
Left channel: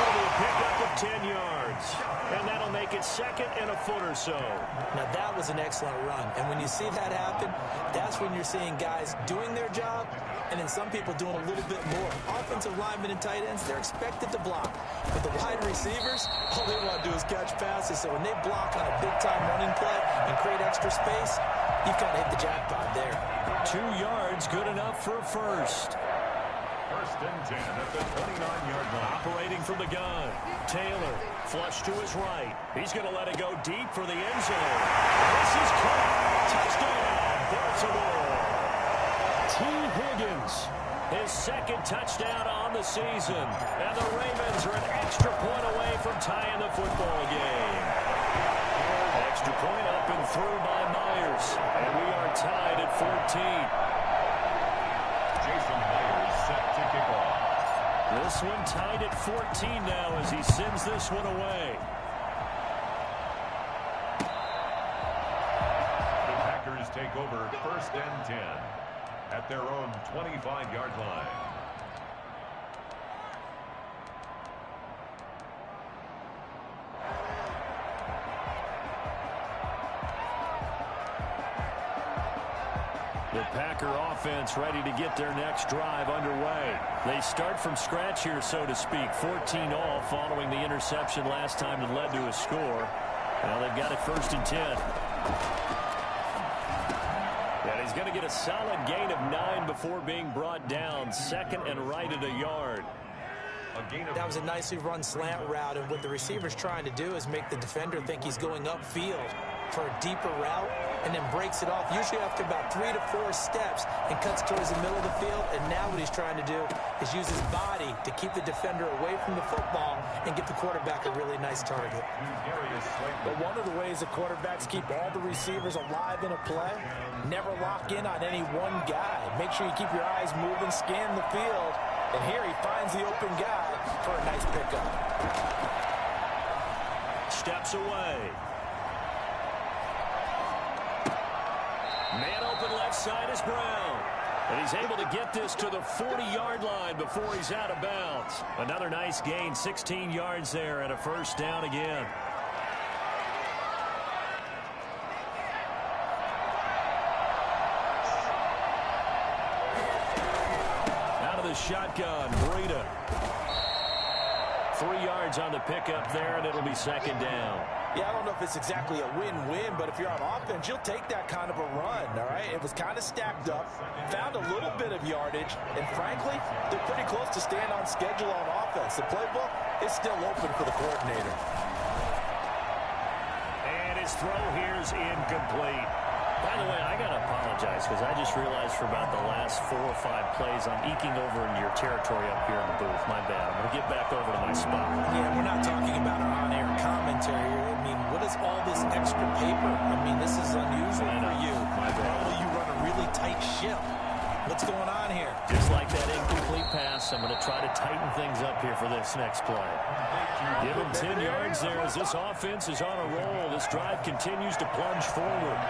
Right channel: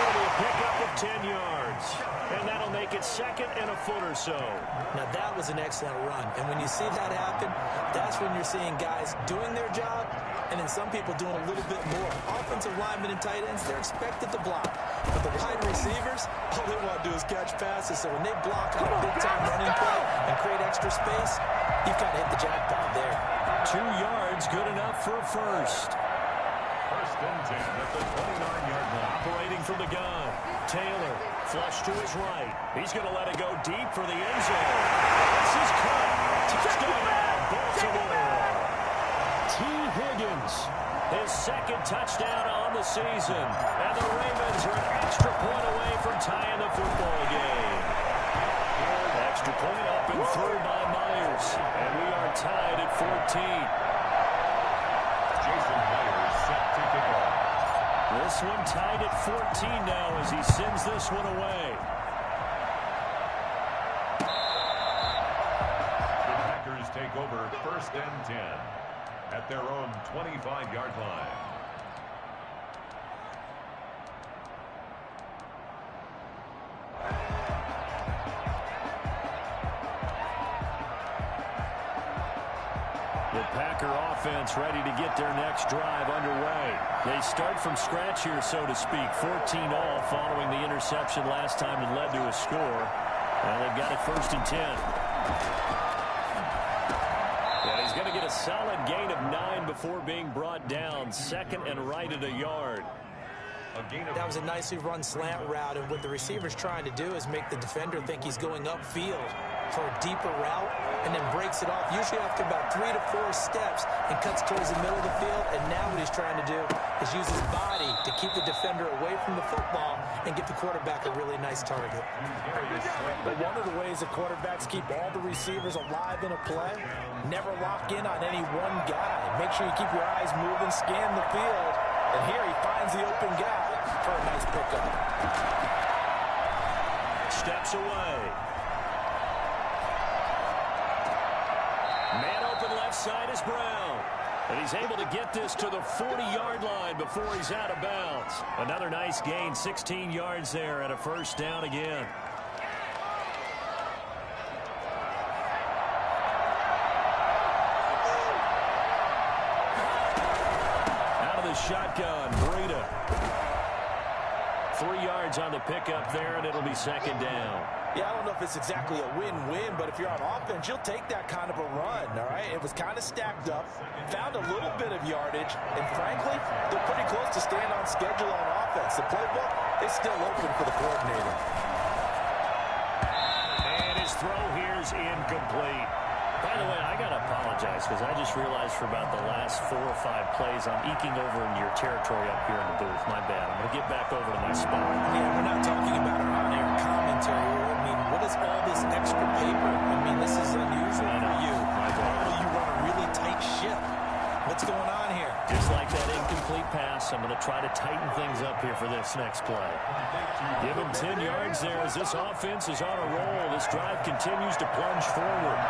It'll be a pickup of 10 yards. And that'll make it 2nd and a foot or so. Now, that was an excellent run. And when you see that happen, that's when you're seeing guys doing their job and then some people doing a little bit more. Offensive linemen and tight ends, they're expected to block. But the wide receivers, all they want to do is catch passes. So when they block on a big-time running play and create extra space, you've kind of hit the jackpot there. 2 yards, good enough for a first. 1st and 10 at the 29-yard line. Operating from the gun. Taylor, flush to his right. He's going to let it go deep for the end zone. This is caught. Touchdown, Baltimore. T. Higgins, his 2nd touchdown on the season. And the Ravens are an extra point away from tying the football game. Extra point up and through by Myers. And we are tied at 14. Jason Myers set to kick off. This one tied at 14 now as he sends this one away. The Packers take over 1st and 10 at their own 25-yard line. The Packer offense ready to get their next drive underway. They start from scratch here, so to speak. 14 all following the interception last time that led to a score. Now they've got it 1st and 10. And he's going to get a solid gain of 9 before being brought down. 2nd and right at a yard. That was a nicely run slant route, and what the receiver's trying to do is make the defender think he's going upfield for a deeper route and then breaks it off, usually after about 3 to 4 steps, and cuts towards the middle of the field. And now what he's trying to do is use his body to keep the defender away from the football and get the quarterback a really nice target. But one of the ways that quarterbacks keep all the receivers alive in a play, never lock in on any one guy. Make sure you keep your eyes moving, scan the field, and here he finds the open guy for a nice pickup. Steps away. Man open left side is Brown. And he's able to get this to the 40-yard line before he's out of bounds. Another nice gain, 16 yards there, and a 1st down again. Out of the shotgun, Breida. 3 yards on the pickup there, and it'll be 2nd down. Yeah, I don't know if it's exactly a win-win, but if you're on offense, you'll take that kind of a run, all right? It was kind of stacked up, found a little bit of yardage, and frankly, they're pretty close to staying on schedule on offense. The playbook is still open for the coordinator. And his throw here's incomplete. By the way, I got to apologize because I just realized for about the last 4 or 5 plays I'm eking over into your territory up here in the booth. My bad. I'm going to get back over to my spot. Yeah, we're not talking about our on-air commentary here. I mean, what is all this extra paper? I mean, this is unusual for you. My bad. Normally you run a really tight ship. What's going on here? Just like that incomplete pass, I'm going to try to tighten things up here for this next play. Give him 10 yards there as this offense is on a roll. This drive continues to plunge forward.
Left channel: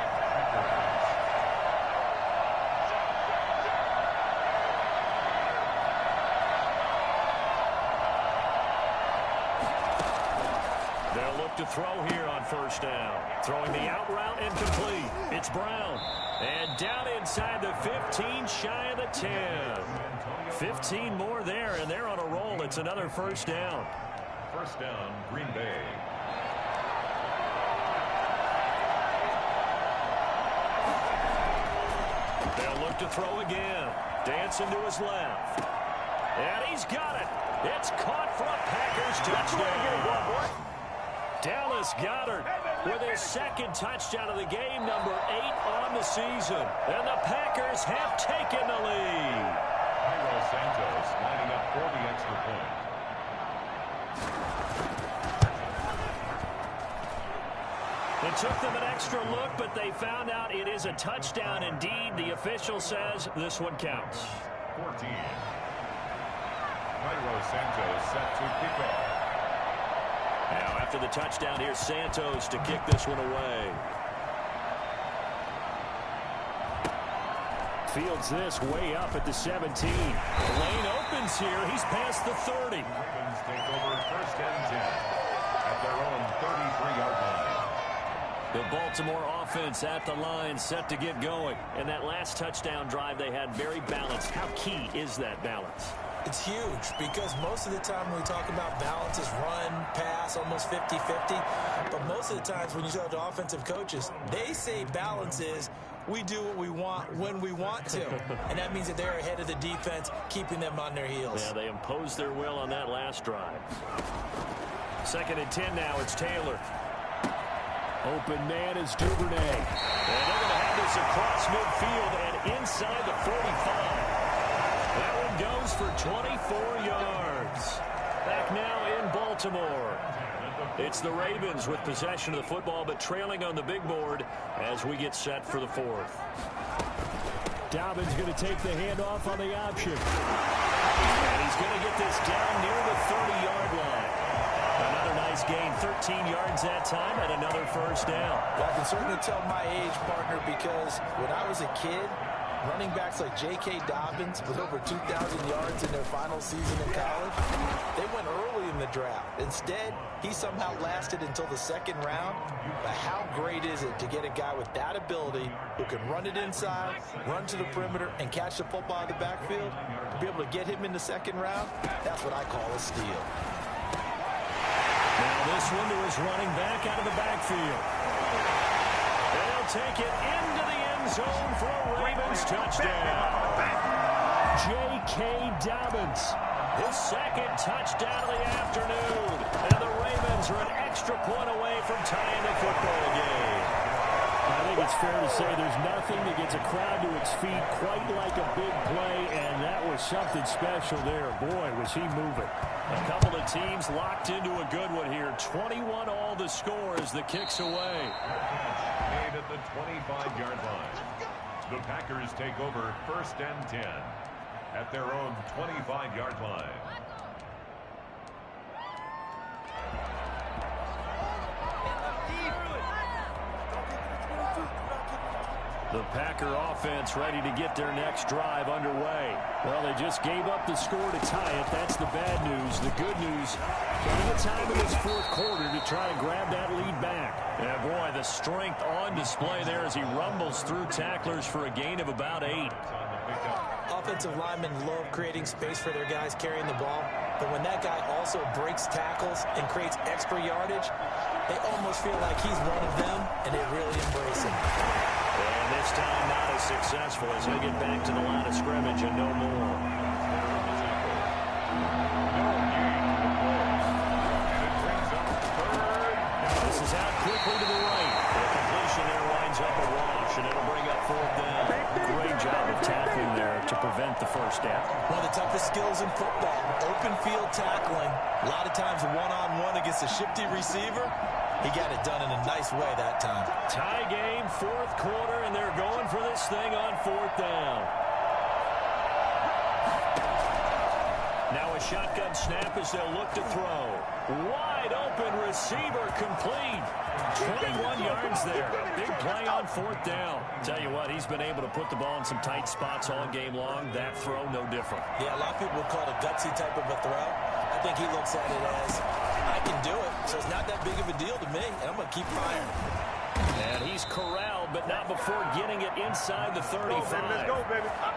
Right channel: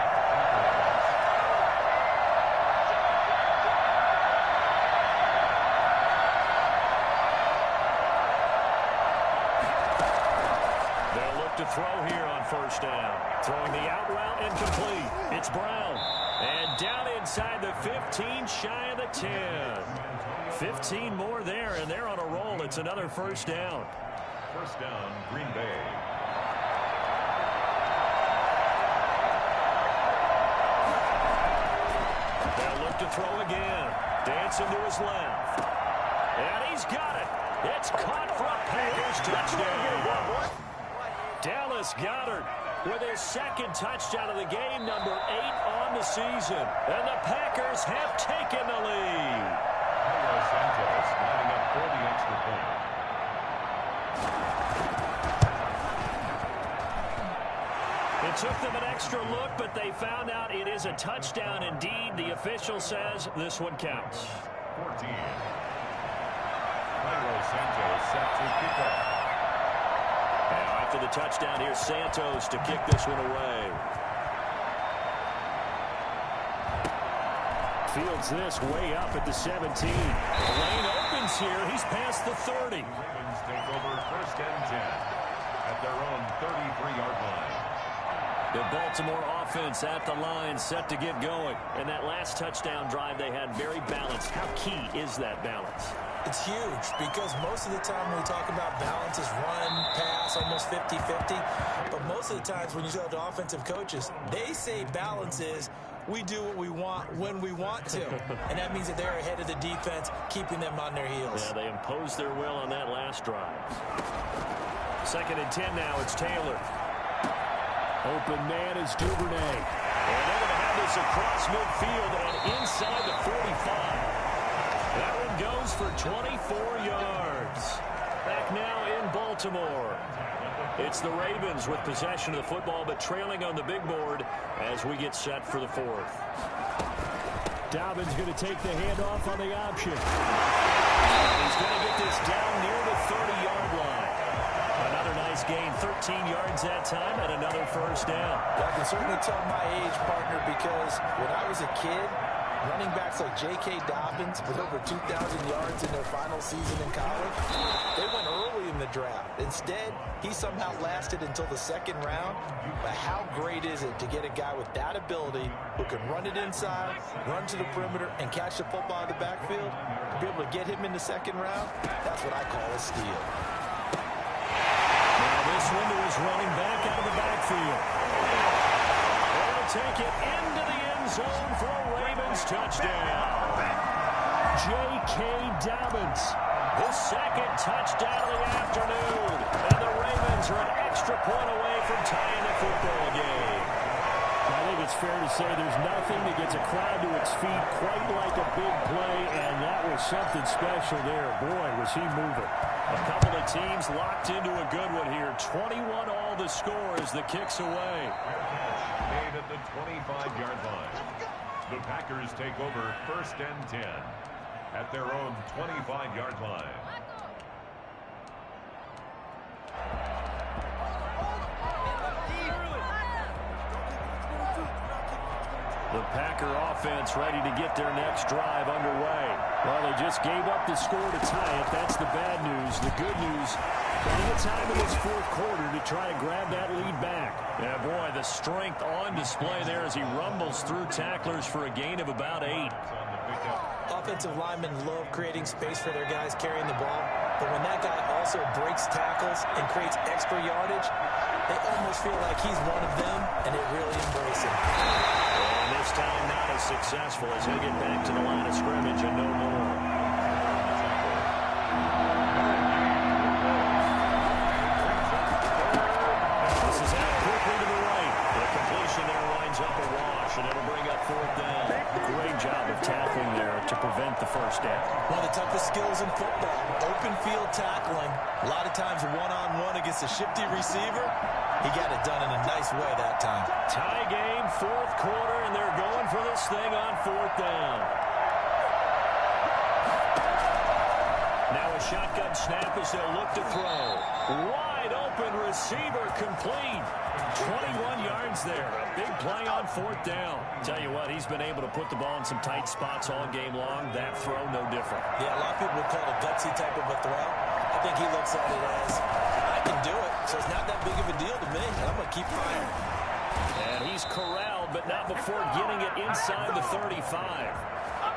They'll look to throw here on 1st down. Throwing the out route incomplete. It's Brown. And down inside the 15, shy of the 10. 15 more there, and they're on a roll. It's another first down. First down, Green Bay. They'll look to throw again. Dancing to his left. And he's got it. It's caught for a Packers touchdown. Dallas Goedert with his second touchdown of the game, number 8 on the season. And the Packers have taken the lead. Santos lining up for the extra point. It took them an extra look, but they found out it is a touchdown indeed. The official says this one counts. 14. Santos set to kick off. Now after the touchdown, here's Santos to kick this one away. Fields this way up at the 17. The lane opens here. He's past the 30. The Ravens take over first and 10 at their own 33-yard line. The Baltimore offense at the line, set to get going. And that last touchdown drive they had very balanced. How key is that balance? It's huge because most of the time when we talk about balance is run, pass, almost 50-50. But most of the times when you talk to offensive coaches, they say balance is we do what we want when we want to. And that means that they're ahead of the defense, keeping them on their heels. Yeah, they imposed their will on that last drive. 2nd and 10 now. It's Taylor. Open man is Duvernay. And they're going to have this across midfield and inside the 45. That one goes for 24 yards. Back now in Baltimore. It's the Ravens with possession of the football, but trailing on the big board as we get set for the 4th. Dobbins going to take the handoff on the option. And he's going to get this down near the 30-yard line. Another nice gain, 13 yards that time, and another first down. Well, I can certainly tell my age, partner, because when I was a kid, running backs like J.K. Dobbins with over 2,000 yards in their final season in college, they went early in the draft. Instead, he somehow lasted until the 2nd round. But how great is it to get a guy with that ability who can run it inside, run to the perimeter, and catch the football in the backfield? To be able to get him in the 2nd round, that's what I call a steal. Now this one to his running back out of the backfield. They'll take it into the end zone for a Ravens touchdown. J.K. Dobbins, his 2nd touchdown of the afternoon. And the Ravens are an extra point away from tying the football game. I think it's fair to say there's nothing that gets a crowd to its feet quite like a big play, and that was something special there. Boy, was he moving. A couple of teams locked into a good one here. 21 all the score as the kick's away. Catch made at the 25-yard line. The Packers take over first and 10 at their own 25-yard line. The Packer offense ready to get their next drive underway. Well, they just gave up the score to tie it. That's the bad news. The good news, plenty of time in this 4th quarter to try to grab that lead back. Yeah, boy, the strength on display there as he rumbles through tacklers for a gain of about 8. Offensive linemen love creating space for their guys carrying the ball, but when that guy also breaks tackles and creates extra yardage, they almost feel like he's one of them, and they really embrace him. And this time not as successful as he'll get back to the line of scrimmage and no more. This is out quickly to the right. The completion there winds up a wash, and it'll bring up 4th down. Great job of tackling there to prevent the first down. One of the toughest skills in football, open field tackling. A lot of times one-on-one against a shifty receiver. He got it done in a nice way that time. Tie game, 4th quarter, and they're going for this thing on 4th down. Now a shotgun snap as they'll look to throw. Wide open receiver complete. 21 yards there. A big play on 4th down. Tell you what, he's been able to put the ball in some tight spots all game long. That throw, no different. Yeah, a lot of people would call it a gutsy type of a throw. I think he looks at it as, I can do it, so it's not that big of a deal to me, and I'm going to keep firing. And he's corralled, but not before getting it inside the 35.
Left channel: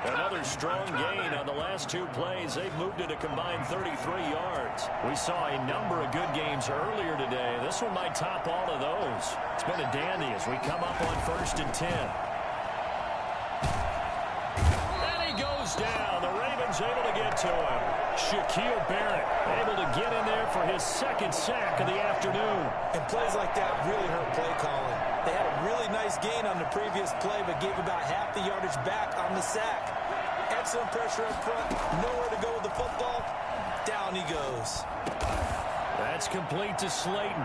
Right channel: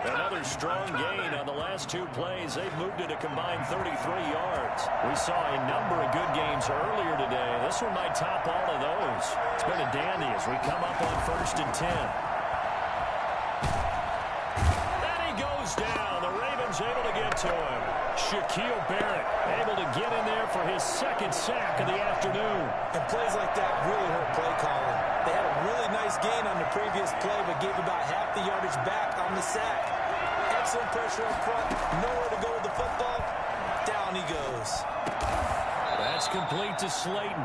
Another strong gain on the last two plays. They've moved it a combined 33 yards. We saw a number of good games earlier today. This one might top all of those. It's been a dandy as we come up on 1st and 10. And he goes down. The Ravens able to get to him. Shaquille Barrett able to get in there for his second sack of the afternoon. And plays like that really hurt play calling. They had a really nice gain on the previous play, but gave about half the yardage back on the sack. Excellent pressure up front. Nowhere to go with the football. Down he goes. That's complete to Slayton.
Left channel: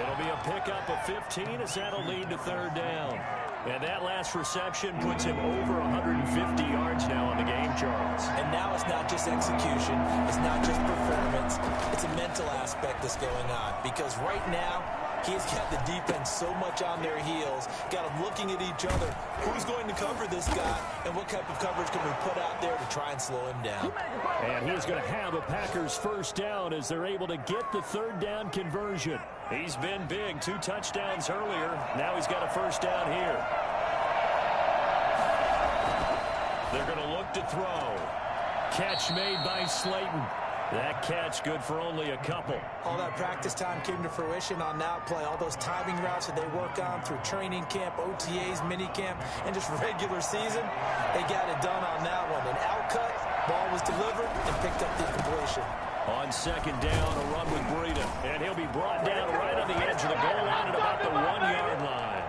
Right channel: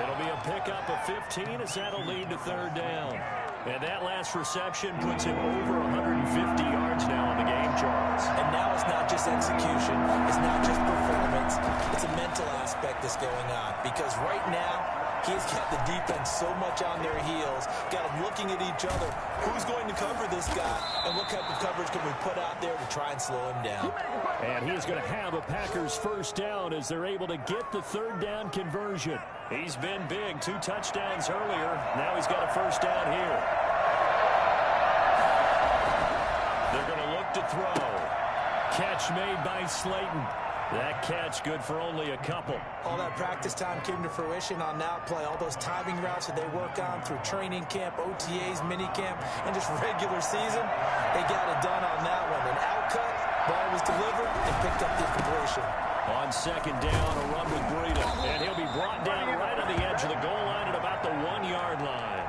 It'll be a pickup of 15 as that'll lead to 3rd down. And that last reception puts him over 150 yards now in the game, Charles. And now it's not just execution. It's not just performance. It's a mental aspect that's going on. Because right now, he's got the defense so much on their heels. Got them looking at each other. Who's going to cover this guy? And what type of coverage can we put out there to try and slow him down? And he's going to have a Packers 1st down as they're able to get the 3rd down conversion. He's been big. 2 touchdowns earlier. Now he's got a 1st down here. They're going to look to throw. Catch made by Slayton. That catch good for only a couple. All that practice time came to fruition on that play. All those timing routes that they work on through training camp, OTAs, mini camp, and just regular season, they got it done on that one. An outcut, ball was delivered, and picked up the completion. On 2nd down, a run with Breida. And he'll be brought down right on the edge of the goal line at about the 1-yard line.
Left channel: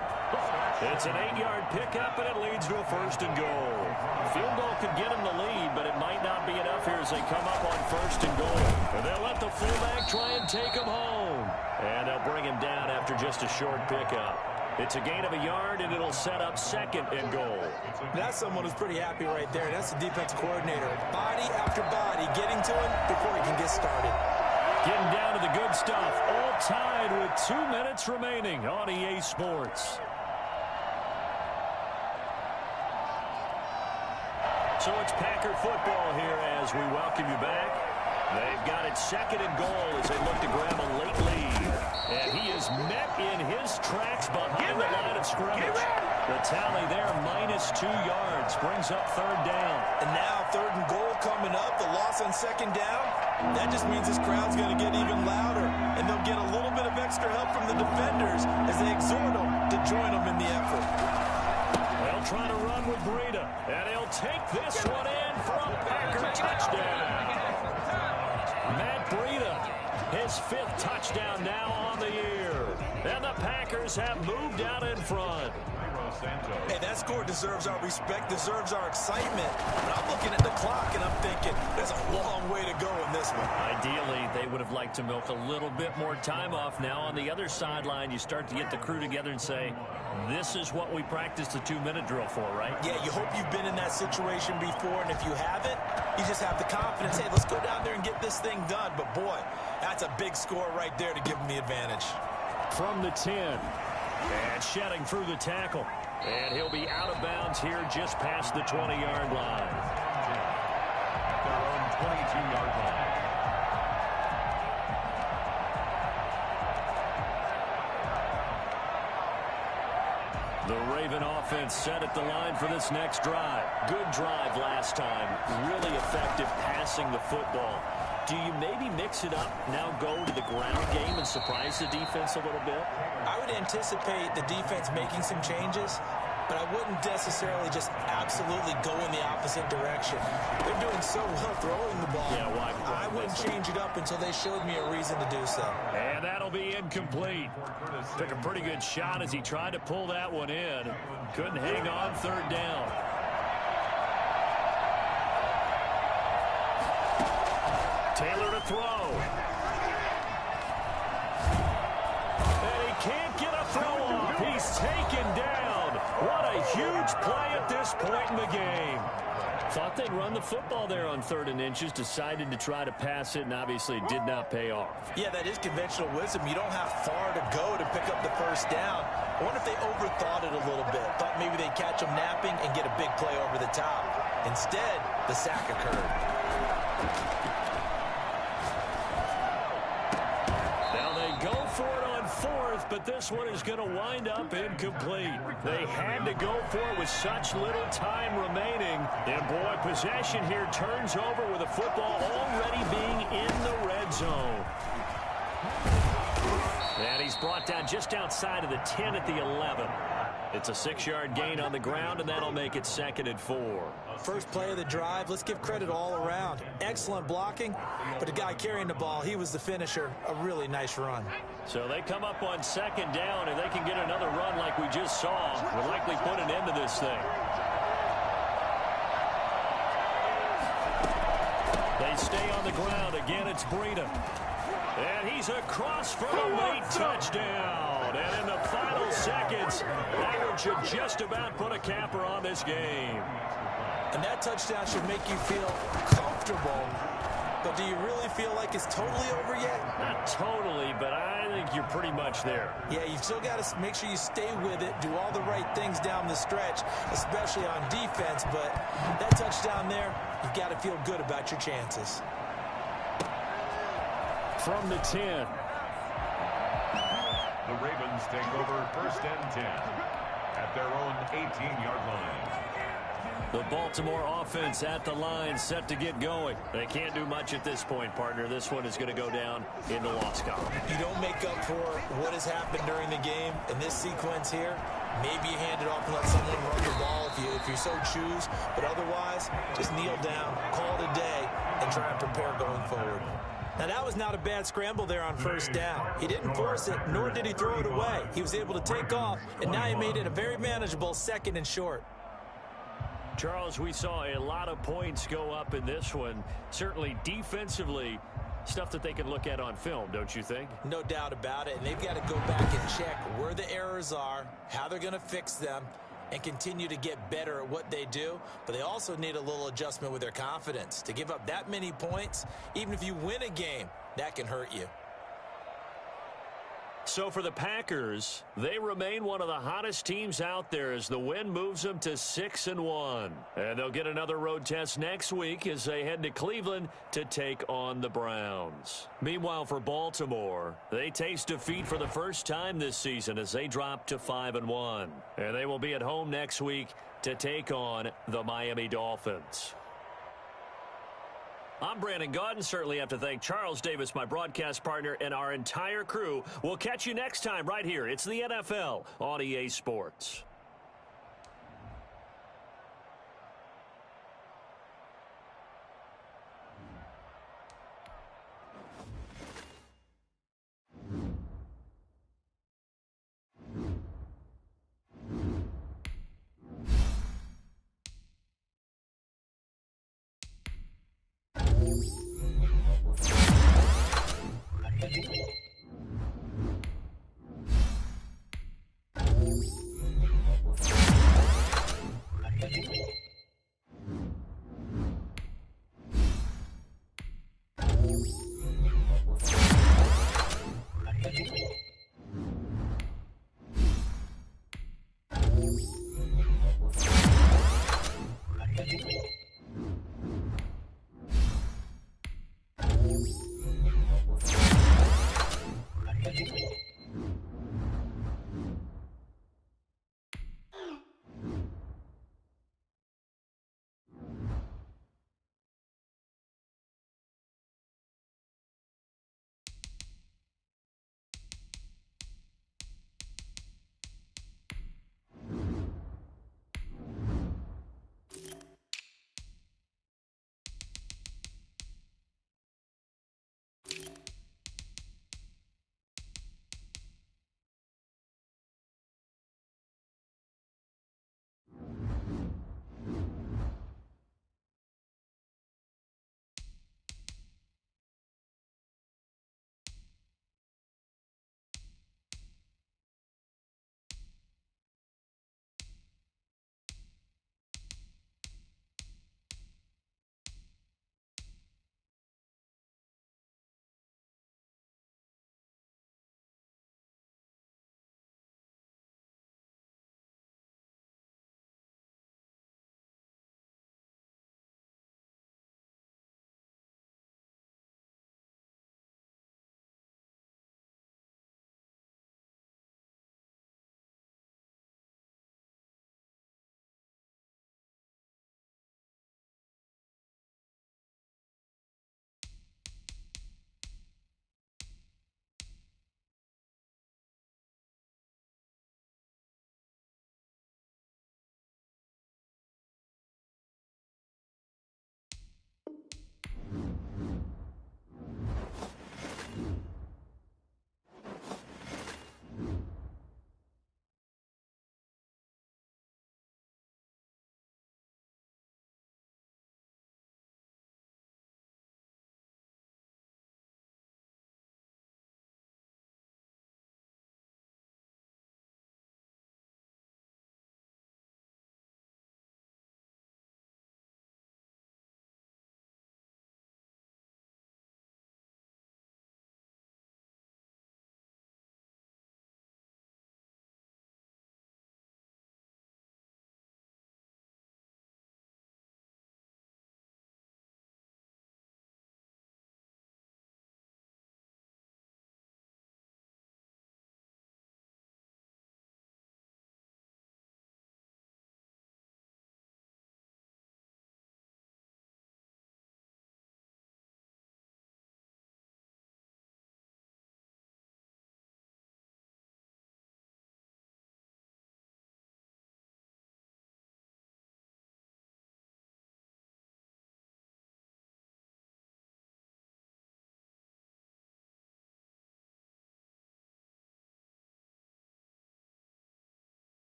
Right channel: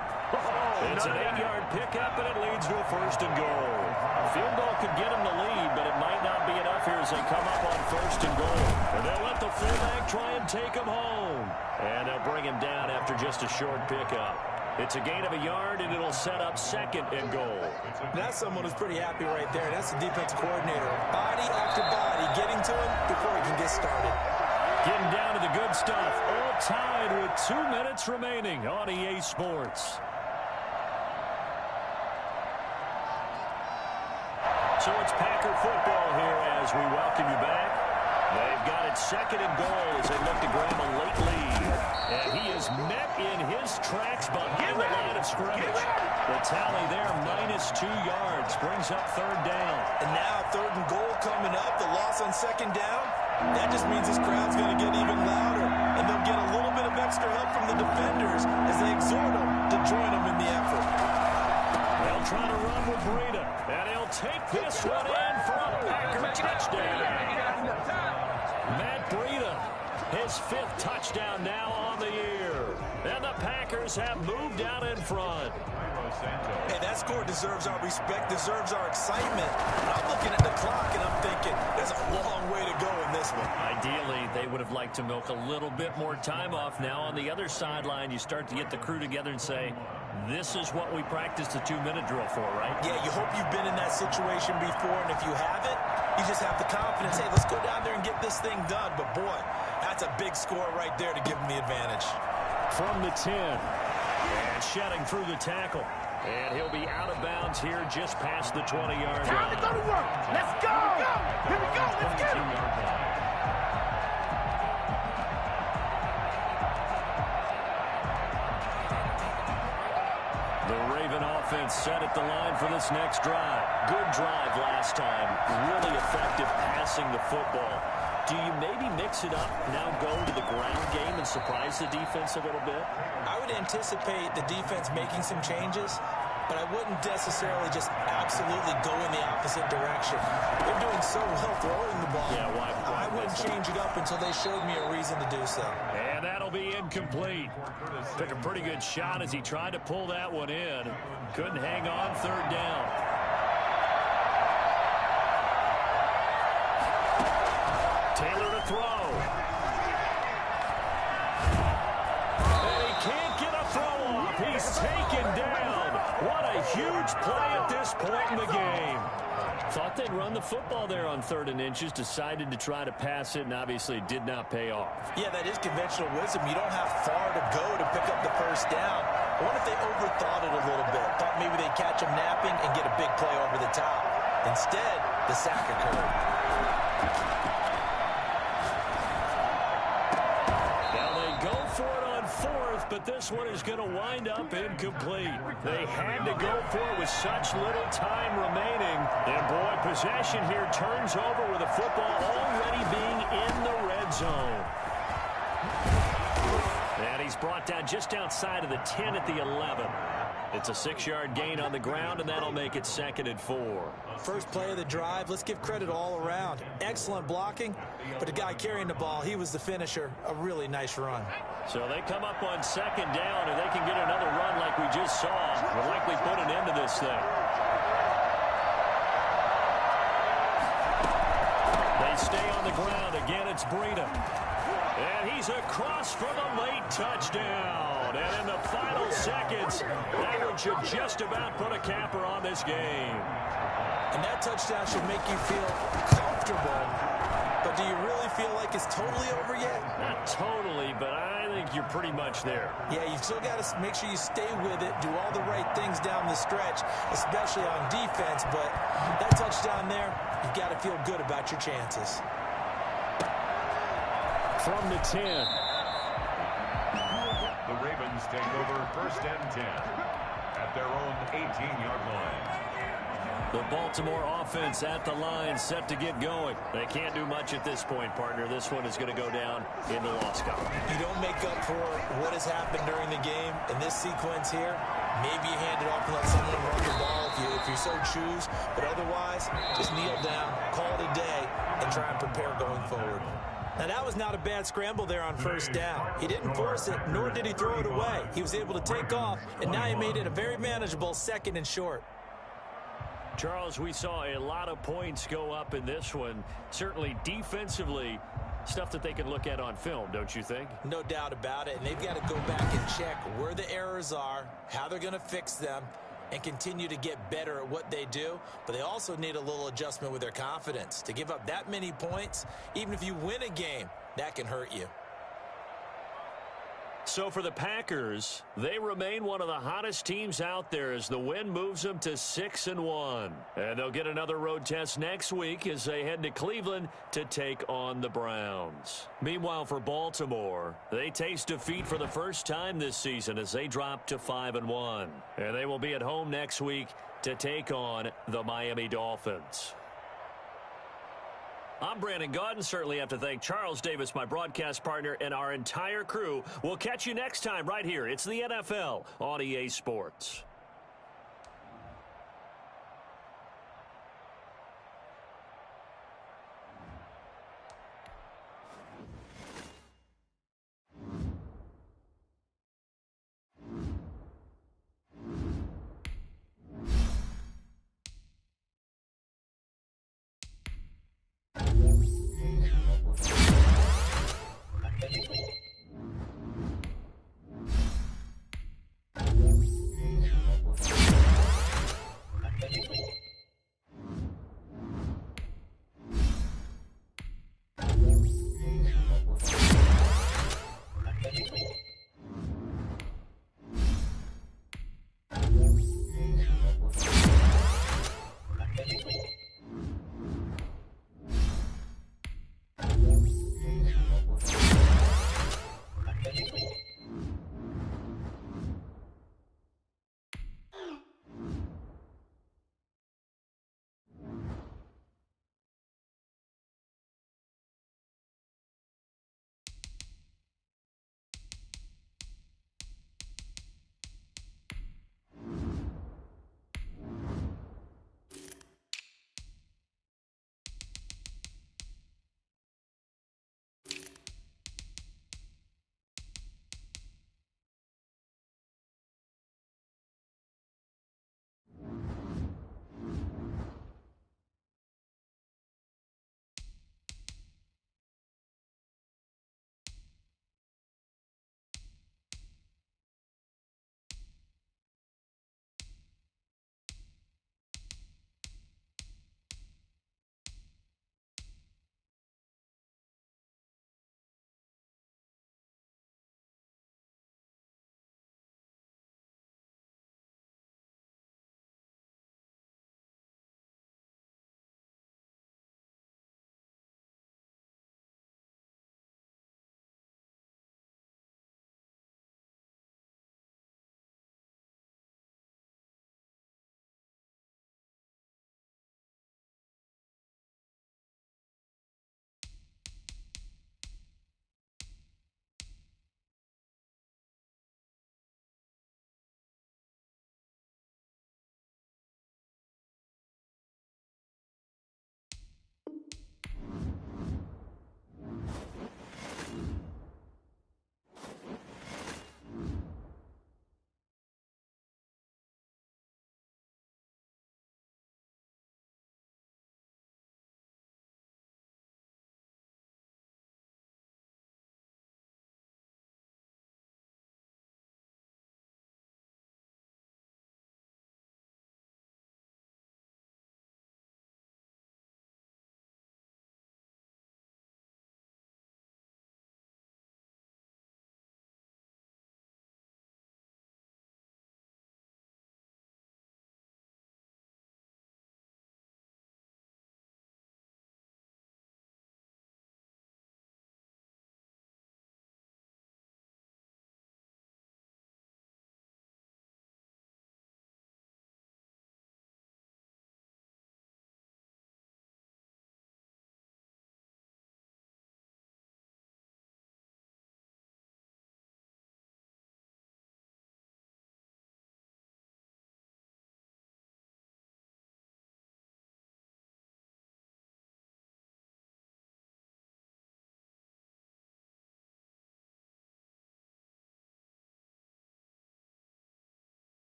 It's an 8-yard pickup, and it leads to a 1st and goal. A field goal could get him the lead, but it might not be enough here as they come up on 1st and goal. And they'll let the fullback try and take him home. And they'll bring him down after just a short pickup. It's a gain of a yard, and it'll set up 2nd and goal. That's someone who's pretty happy right there. That's the defense coordinator. Body after body getting to him before he can get started. Getting down to the good stuff. All tied with 2 minutes remaining on EA Sports. So it's Packer football here as we welcome you back. They've got it 2nd and goal as they look to grab a late lead. And he is met in his tracks behind the line of scrimmage. The tally there, -2 yards, brings up 3rd down. And now 3rd and goal coming up. The loss on 2nd down. That just means this crowd's going to get even louder. And they'll get a little bit of extra help from the defenders as they exhort them to join them in the effort. They'll try to run with Breida. And he'll take this one in for a Packer touchdown. Matt Breida, his 5th touchdown now on the year. And the Packers have moved out in front. Hey, that score deserves our respect, deserves our excitement. But I'm looking at the clock, and I'm thinking, there's a long way to go in this one. Ideally, they would have liked to milk a little bit more time off. Now, on the other sideline, you start to get the crew together and say, this is what we practiced the 2-minute drill for, right? Yeah, you hope you've been in that situation before, and if you haven't, you just have the confidence, hey, let's go down there and get this thing done. But, boy, that's a big score right there to give them the advantage. From the 10, and shedding through the tackle. And he'll be out of bounds here just past the 20-yard line. Let's go! At their own 22-yard line. The Raven offense set at the line for this next drive. Good drive last time. Really effective passing the football. Do you maybe mix it up, now go to the ground game and surprise the defense a little bit? I would anticipate the defense making some changes, but I wouldn't necessarily just absolutely go in the opposite direction. They're doing so well throwing the ball. Yeah, why I wouldn't change it up until they showed me a reason to do so. And that'll be incomplete. Took a pretty good shot as he tried to pull that one in. Couldn't hang on 3rd down. Taylor to throw. And he can't get a throw off. He's taken down. What a huge play at this point in the game. Thought they'd run the football there on 3rd and inches. Decided to try to pass it, and obviously it did not pay off. Yeah, that is conventional wisdom. You don't have far to go to pick up the 1st down. I wonder if they overthought it a little bit. Thought maybe they'd catch him napping and get a big play over the top. Instead, the sack occurred. Now they go for it on on fourth, but this one is going to wind up incomplete. They had to go for it with such little time remaining. And, boy, possession here turns over with the football already being in the red zone. And he's brought down just outside of the 10 at the 11. It's a 6-yard gain on the ground, and that'll make it 2nd and 4. First play of the drive, let's give credit all around. Excellent blocking, but the guy carrying the ball, he was the finisher. A really nice run. So they come up on 2nd down, and they can get another run like we just saw. Would likely put an end to this thing. They stay on the ground. Again, it's Breida. And he's across for the late touchdown. And in the final seconds, that one should just about put a capper on this game. And that touchdown should make you feel comfortable. But do you really feel like it's totally over yet? Not totally, but I think you're pretty much there. Yeah, you've still got to make sure you stay with it, do all the right things down the stretch, especially on defense. But that touchdown there, you've got to feel good about your chances. From the 10. The Ravens take over 1st and 10 at their own 18-yard line. The Baltimore offense at the line, set to get going. They can't do much at this point, partner. This one is going to go down in the loss column. You don't make up for what has happened during the game in this sequence here. Maybe you hand it off and let someone run the ball if you so choose. But otherwise, just kneel down, call it a day, and try and prepare going forward. Now, that was not a bad scramble there on 1st down. He didn't force it, nor did he throw it away. He was able to take off, and now he made it a very manageable 2nd and short. Charles, we saw a lot of points go up in this one. Certainly defensively, stuff that they can look at on film, don't you think? No doubt about it, and they've got to go back and check where the errors are, how they're going to fix them, and continue to get better at what they do. But they also need a little adjustment with their confidence. To give up that many points, even if you win a game, that can hurt you. So for the Packers, they remain one of the hottest teams out there as the win moves them to 6-1. And they'll get another road test next week as they head to Cleveland to take on the Browns. Meanwhile, for Baltimore, they taste defeat for the first time this season as they drop to 5-1. And they will be at home next week to take on the Miami Dolphins. I'm Brandon Gaudin. Certainly have to thank Charles Davis, my broadcast partner, and our entire crew. We'll catch you next time right here. It's the NFL on EA Sports.